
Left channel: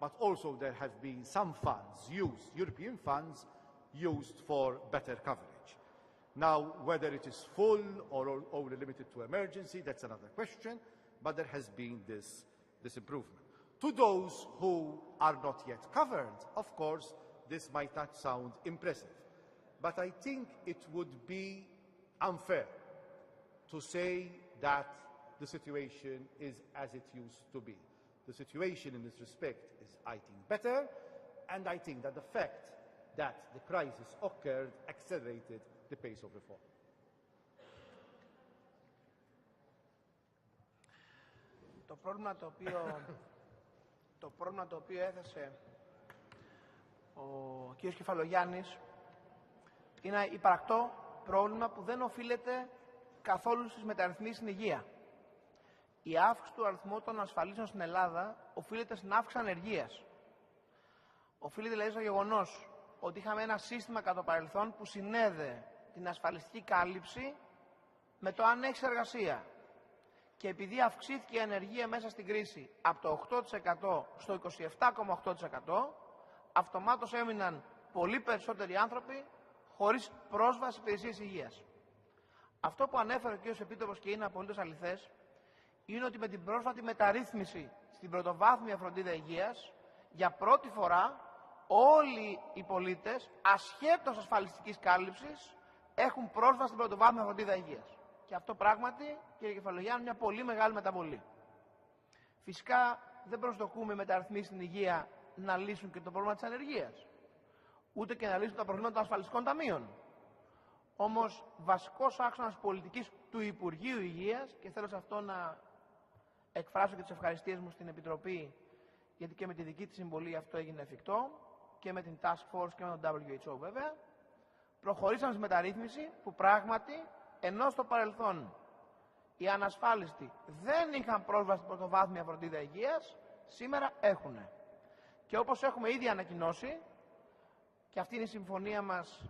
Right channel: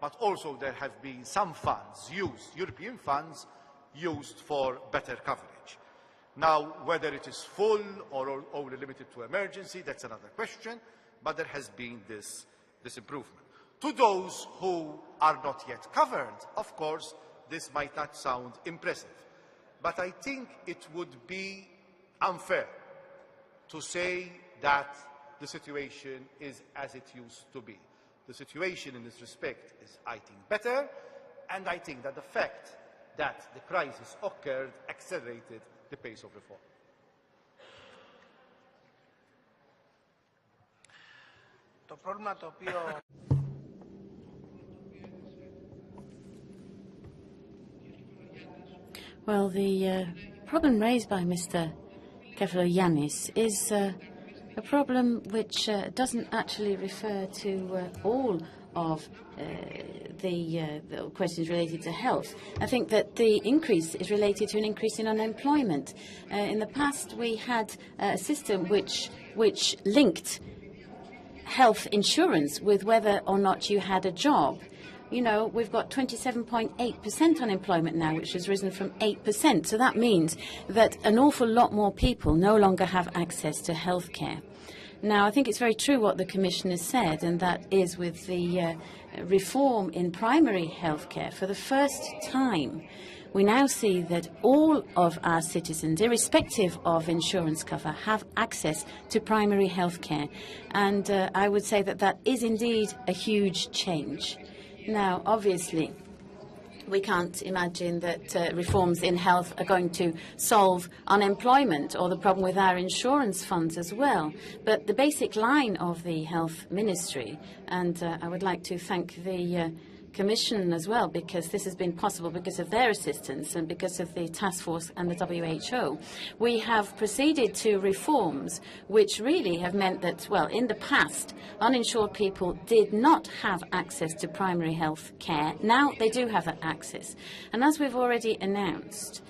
but also there have been some funds used, European funds, used for better coverage. Now, whether it is full or only limited to emergency, that's another question, but there has been this improvement. To those who are not yet covered, of course, this might not sound impressive, but I think it would be unfair to say that the situation is as it used to be. The situation in this respect is, I think, better, and I think that the fact that the crisis occurred accelerated the pace of reform. Το πρόβλημα το οποίο έθεσε ο κ. Κεφαλογιάννης. Well, the problem raised by Mr. Kefalogiannis is a problem which doesn't actually refer to all of the questions related to health. I think that the increase is related to an increase in unemployment. In the past, we had a system which linked health insurance with whether or not you had a job. You know, we've got 27.8% unemployment now, which has risen from 8%. So that means that an awful lot more people no longer have access to health care. Now, I think it's very true what the Commissioner said, and that is with the reform in primary health care. For the first time, we now see that all of our citizens, irrespective of insurance cover, have access to primary health care. And I would say that that is indeed a huge change. Now, obviously, we can't imagine that reforms in health are going to solve unemployment or the problem with our insurance funds as well. But the basic line of the Health Ministry, and I would like to thank the Commission as well, because this has been possible because of their assistance and because of the task force and the WHO. We have proceeded to reforms which really have meant that, well, in the past, uninsured people did not have access to primary health care. Now they do have that access. And as we've already announced,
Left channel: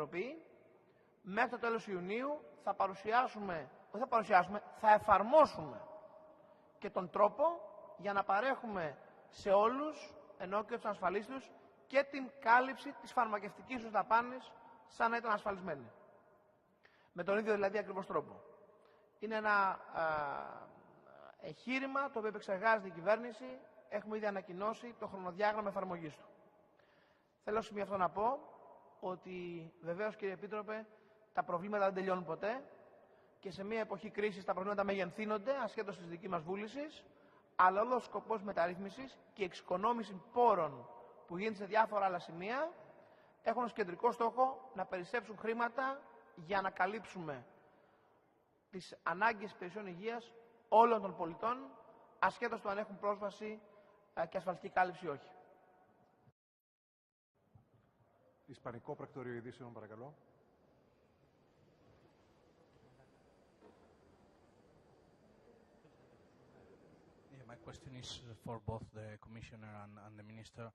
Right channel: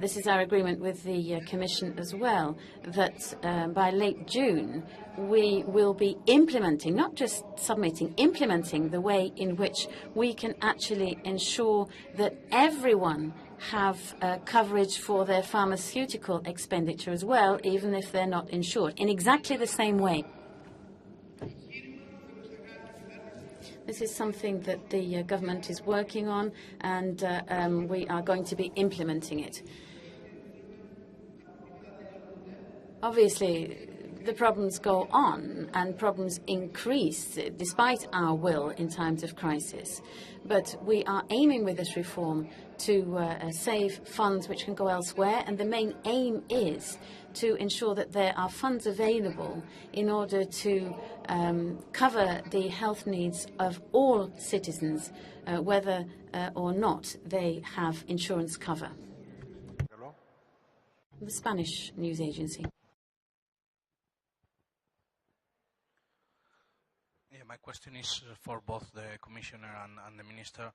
this is our agreement with the Commission as well, that by late June we will be implementing, not just submitting, implementing the way in which we can actually ensure that everyone have coverage for their pharmaceutical expenditure as well, even if they're not insured, in exactly the same way. This is something that the government is working on, and we are going to be implementing it. Obviously, the problems go on and problems increase despite our will in times of crisis. But we are aiming with this reform to save funds which can go elsewhere, and the main aim is to ensure that there are funds available in order to cover the health needs of all citizens, whether or not they have insurance cover. The Spanish news agency. My question is for both the Commissioner and the Minister.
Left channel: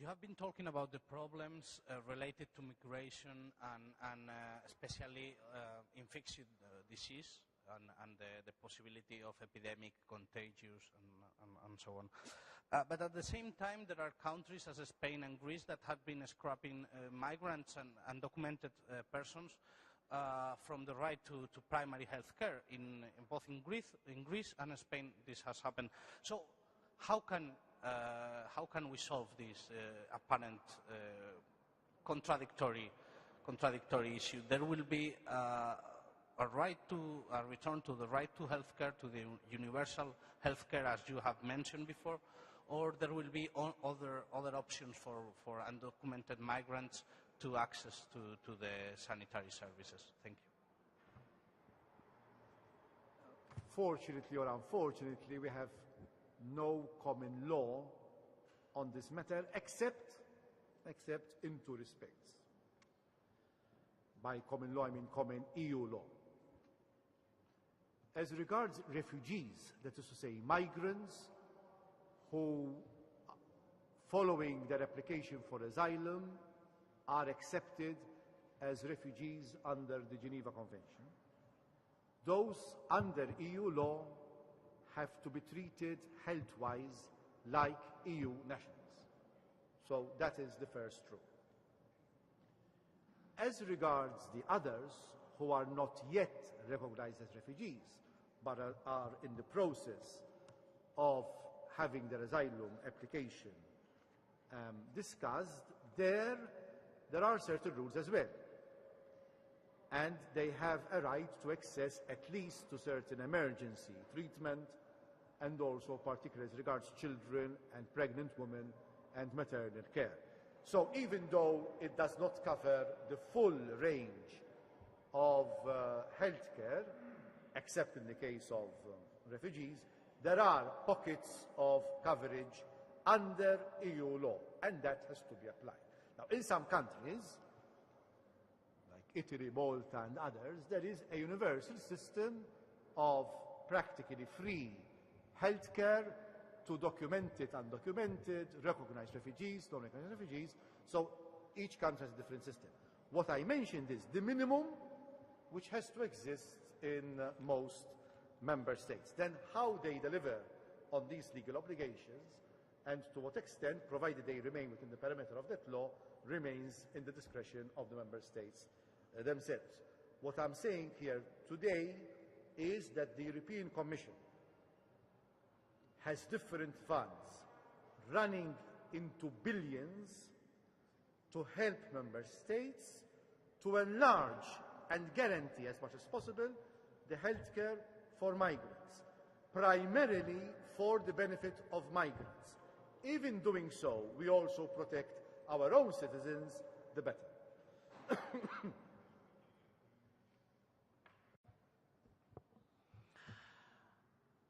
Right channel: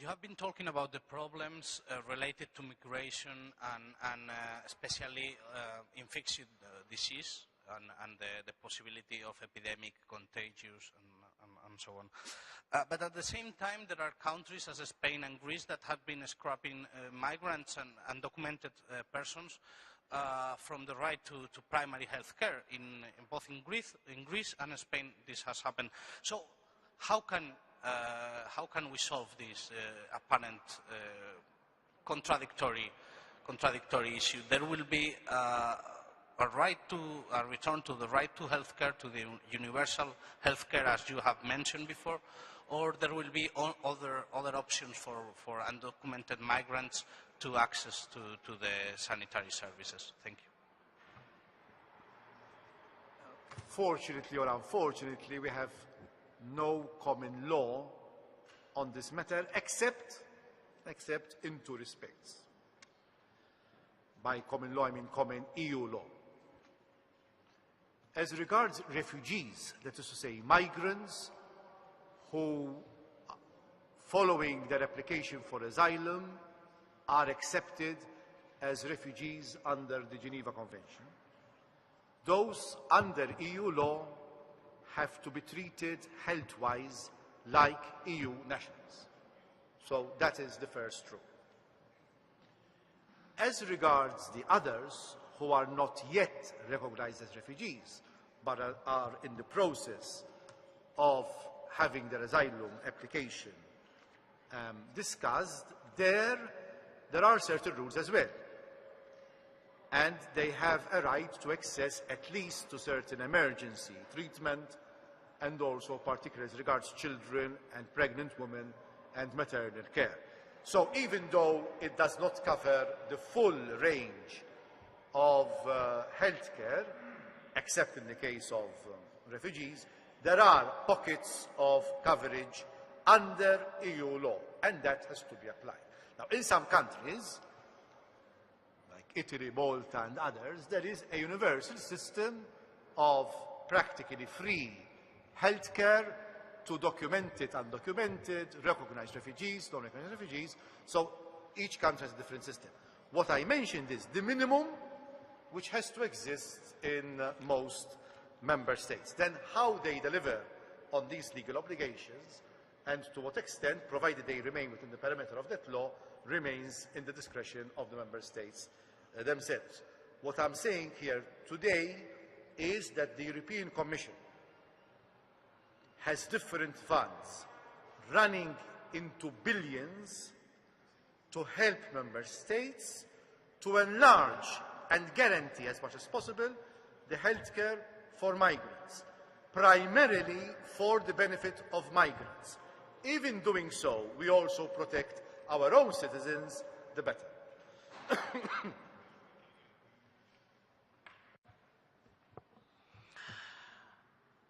You have been talking about the problems related to migration and especially infectious disease and the possibility of epidemic, contagious, and so on. But at the same time, there are countries as Spain and Greece that have been scrapping migrants and undocumented persons from the right to primary health care. Both in Greece and Spain, this has happened. So how can we solve this apparent contradictory issue? There will be a return to the right to health care, to the universal health care, as you have mentioned before, or there will be other options for undocumented migrants to access to the sanitary services. Thank you. Fortunately or unfortunately, we have no common law on this matter, except in two respects. By common law, I mean common EU law. As regards refugees, that is to say, migrants who, following their application for asylum, are accepted as refugees under the Geneva Convention, those under EU law have to be treated health-wise like EU nationals. So that is the first rule. As regards the others who are not yet recognized as refugees, but are in the process of having their asylum application discussed, there are certain rules as well. And they have a right to access at least to certain emergency treatment, and also particularly as regards children and pregnant women and maternal care. So even though it does not cover the full range of healthcare, except in the case of refugees, there are pockets of coverage under EU law, and that has to be applied. Now, in some countries, like Italy, Malta, and others, there is a universal system of practically free healthcare to documented, undocumented, recognized refugees, non-recognized refugees. So each country has a different system. What I mentioned is the minimum which has to exist in most member states. Then how they deliver on these legal obligations and to what extent, provided they remain within the perimeter of that law, remains in the discretion of the member states themselves. What I'm saying here today is that the European Commission has different funds running into billions to help member states to enlarge and guarantee as much as possible the healthcare for migrants, primarily for the benefit of migrants. Even doing so, we also protect our own citizens the better.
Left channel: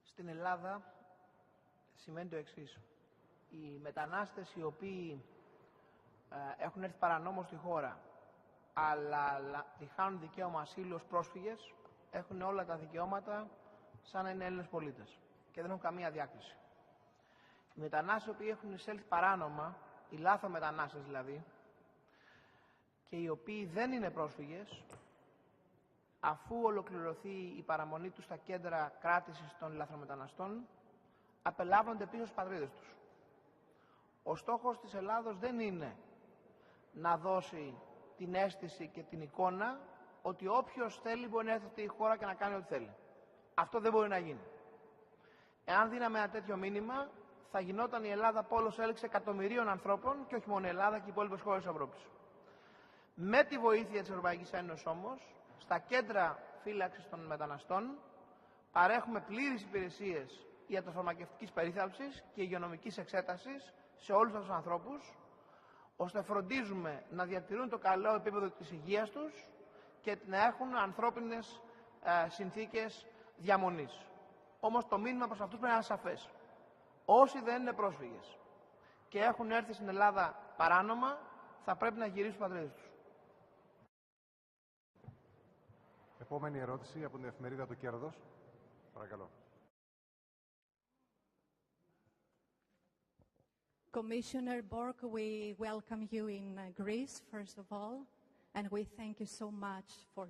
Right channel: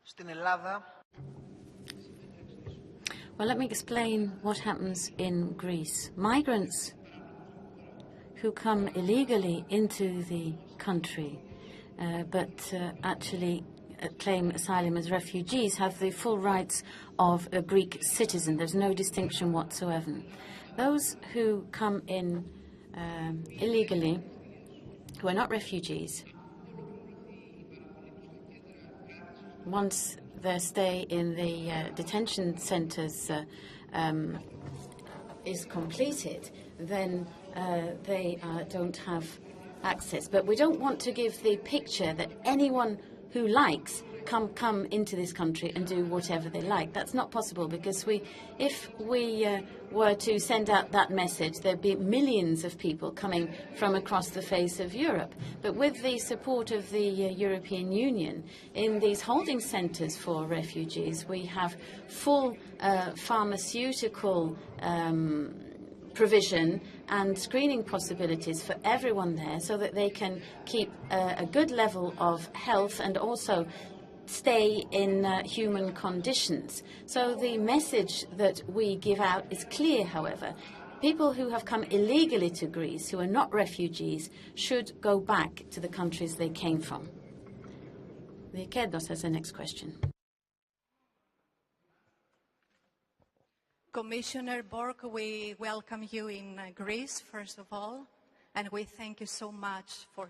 Στην Ελλάδα σημαίνει το εξής. Well, let me explain what happens in Greece. Migrants who come illegally into the country but actually claim asylum as refugees have the full rights of a Greek citizen. There's no distinction whatsoever. Those who come in illegally, who are not refugees, once their stay in the detention centres is completed, then they don't have access. But we don't want to give the picture that anyone who likes come into this country and do whatever they like. That's not possible, because if we were to send out that message, there'd be millions of people coming from across the face of Europe. But with the support of the European Union, in these holding centres for refugees, we have full pharmaceutical provision and screening possibilities for everyone there, so that they can keep a good level of health and also stay in human conditions. So the message that we give out is clear, however. People who have come illegally to Greece, who are not refugees, should go back to the countries they came from. The Kerdos has the next question. Commissioner Borg, we welcome you in Greece, first of all, and we thank you so much for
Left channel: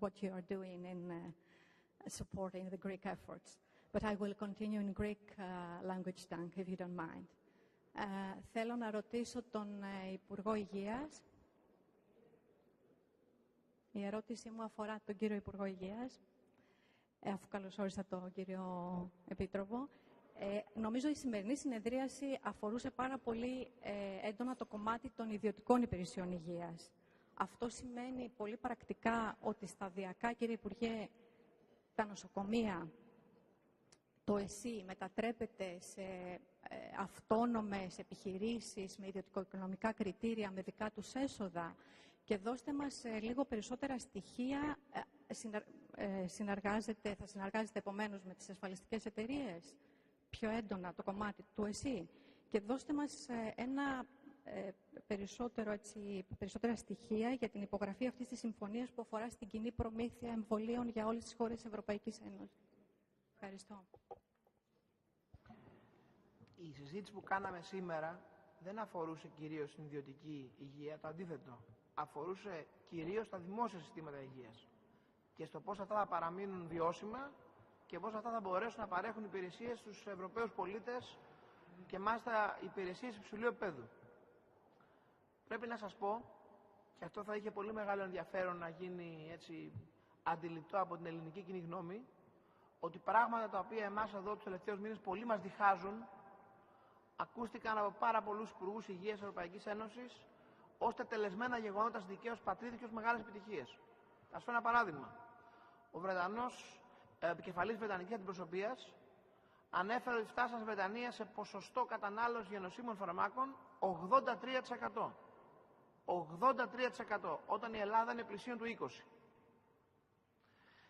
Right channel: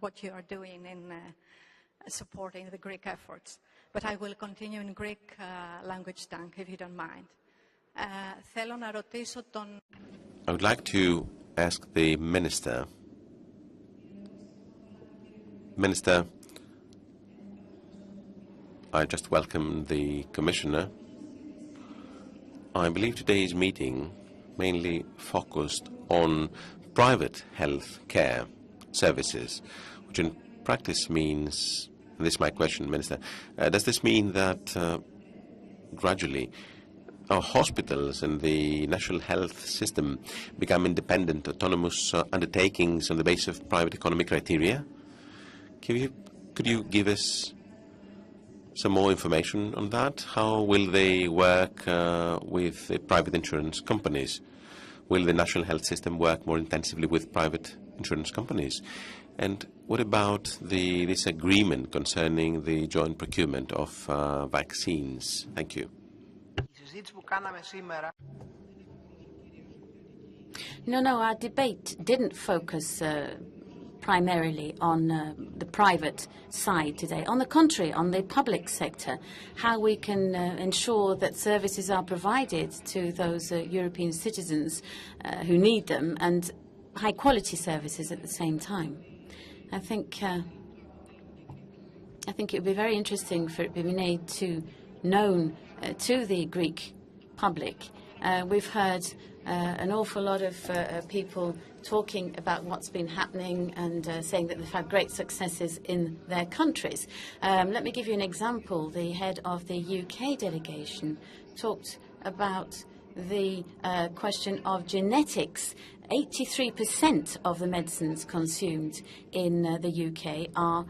what you are doing in supporting the Greek efforts. But I will continue in Greek language tongue, if you don't mind. I would like to ask the Minister. Minister, I just welcome the Commissioner. I believe today's meeting mainly focused on private health care services, which in practice means, and this is my question, Minister, does this mean that gradually our hospitals and the national health system become independent, autonomous undertakings on the basis of private economic criteria? Could you give us some more information on that? How will they work with the private insurance companies? Will the national health system work more intensively with private insurance companies? And what about this agreement concerning the joint procurement of vaccines? Thank you. No, our debate didn't focus primarily on the private side today. On the contrary, on the public sector, how we can ensure that services are provided to those European citizens who need them, and high-quality services at the same time. I think it would be very interesting for it to be made known to the Greek public. We've heard an awful lot of people talking about what's been happening and saying that they've had great successes in their countries. Let me give you an example. The head of the UK delegation talked about the question of genetics. 83% of the medicines consumed in the UK are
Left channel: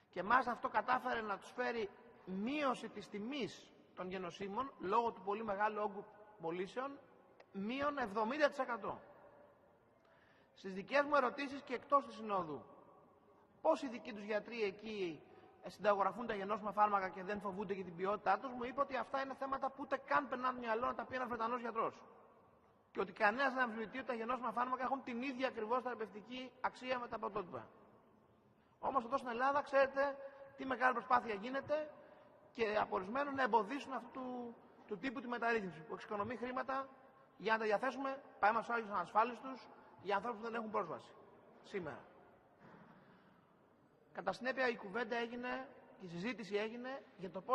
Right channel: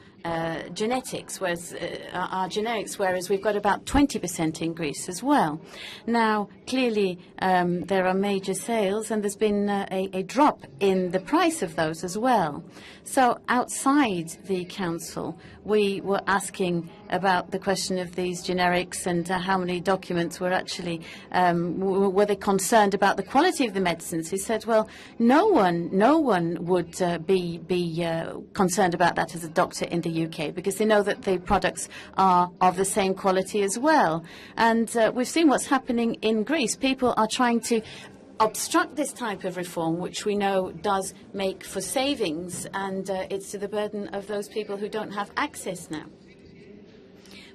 genetics, generics, whereas we've got about 20% in Greece as well. Now, clearly, there are major sales, and there's been a drop in the price of those as well. So outside the council, we were asking about the question of these generics and how many documents were actually, were they concerned about the quality of the medicines? He said, well, no one would be concerned about that as a doctor in the UK, because they know that the products are of the same quality as well. And we've seen what's happening in Greece. People are trying to obstruct this type of reform, which we know does make for savings, and it's to the burden of those people who don't have access now.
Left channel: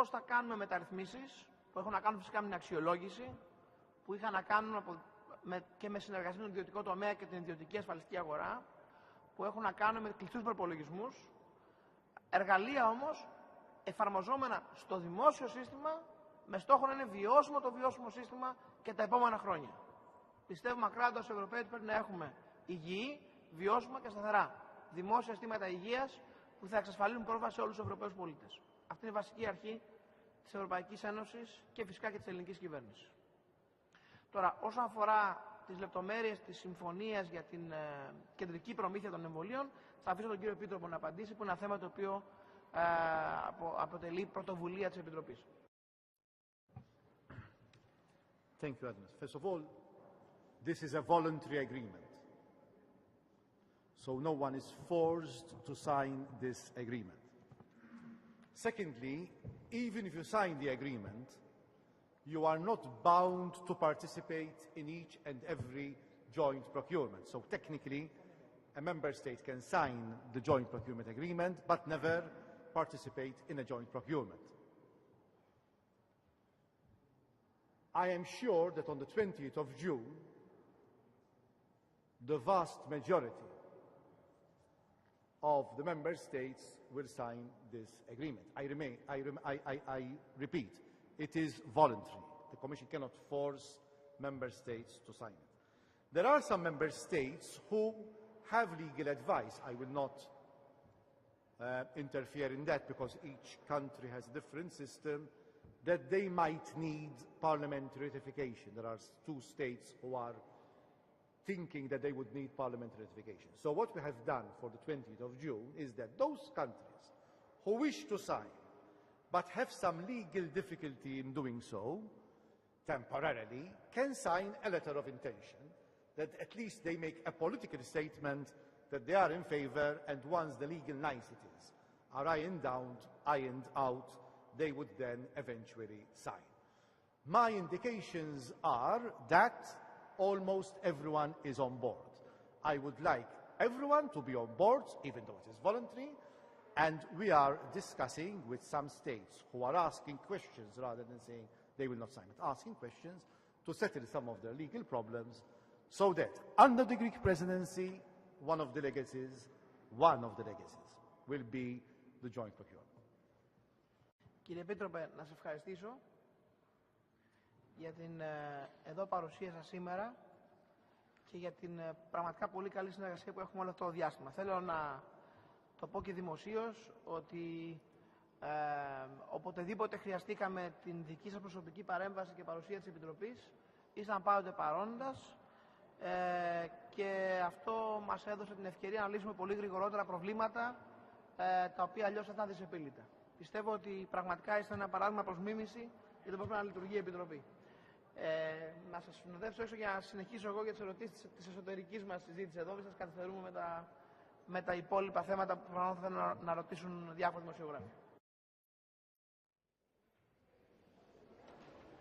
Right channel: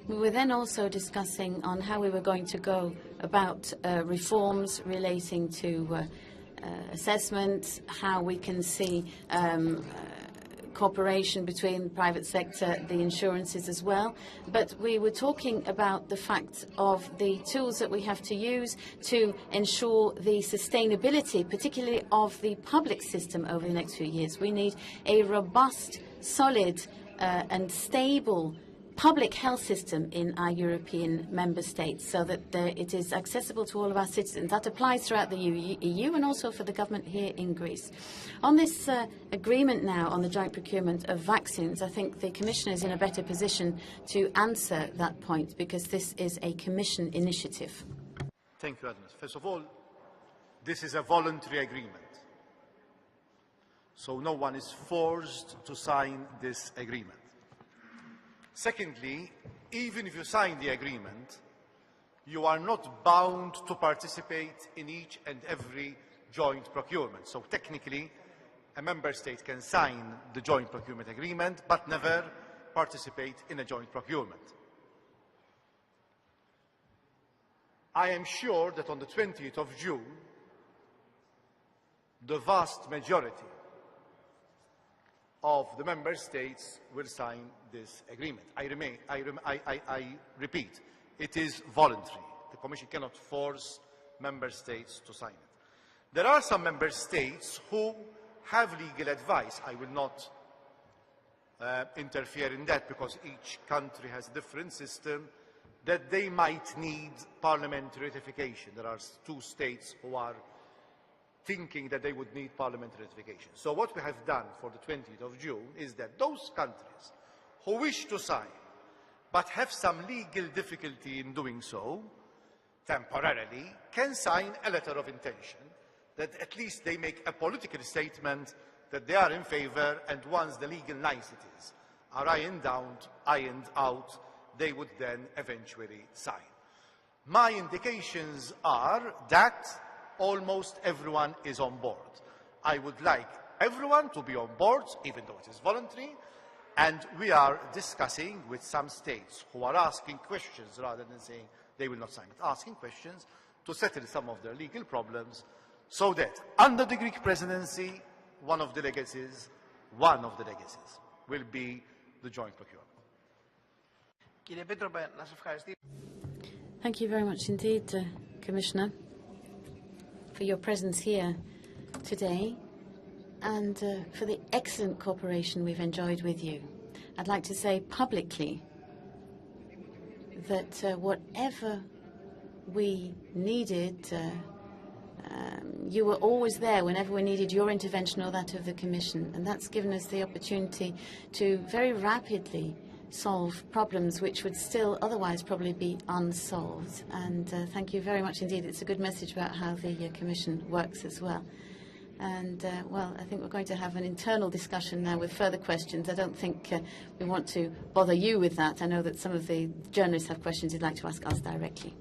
We were then also discussing on how we were going to go about reforms relating to assessments, how we can see cooperation between the private sector, the insurances as well. But we were talking about the fact of the tools that we have to use to ensure the sustainability, particularly of the public system over the next few years. We need a robust, solid and stable public health system in our European member states, so that it is accessible to all of our citizens. That applies throughout the EU and also for the government here in Greece. On this agreement now on the joint procurement of vaccines, I think the Commission is in a better position to answer that point, because this is a Commission initiative. Thank you, Agnes. First of all, this is a voluntary agreement. So no one is forced to sign this agreement. Secondly, even if you sign the agreement, you are not bound to participate in each and every joint procurement. So technically, a member state can sign the joint procurement agreement, but never participate in a joint procurement. I am sure that on the 20th of June, the vast majority of the member states will sign this agreement. I repeat, it is voluntary. The Commission cannot force member states to sign it. There are some member states who have legal advice. I will not interfere in that, because each country has a different system, that they might need parliamentary ratification. There are 2 states who are thinking that they would need parliamentary ratification. So what we have done for the 20th of June is that those countries who wish to sign but have some legal difficulty in doing so temporarily can sign a letter of intention, that at least they make a political statement that they are in favor, and once the legal niceties are ironed out, they would then eventually sign. My indications are that almost everyone is on board. I would like everyone to be on board, even though it is voluntary, and we are discussing with some states who are asking questions rather than saying they will not sign, but asking questions to settle some of their legal problems, so that under the Greek presidency, one of the legacies will be the joint procurement. Thank you very much indeed, Commissioner, for your presence here today and for the excellent cooperation we've enjoyed with you. I'd like to say publicly that whatever we needed, you were always there whenever we needed your intervention or that of the Commission, and that's given us the opportunity to very rapidly solve problems which would still otherwise probably be unsolved. And thank you very much indeed. It's a good message about how the Commission works as well. And, well, I think we're going to have an internal discussion now with further questions. I don't think we want to bother you with that. I know that some of the journalists have questions you'd like to ask us directly.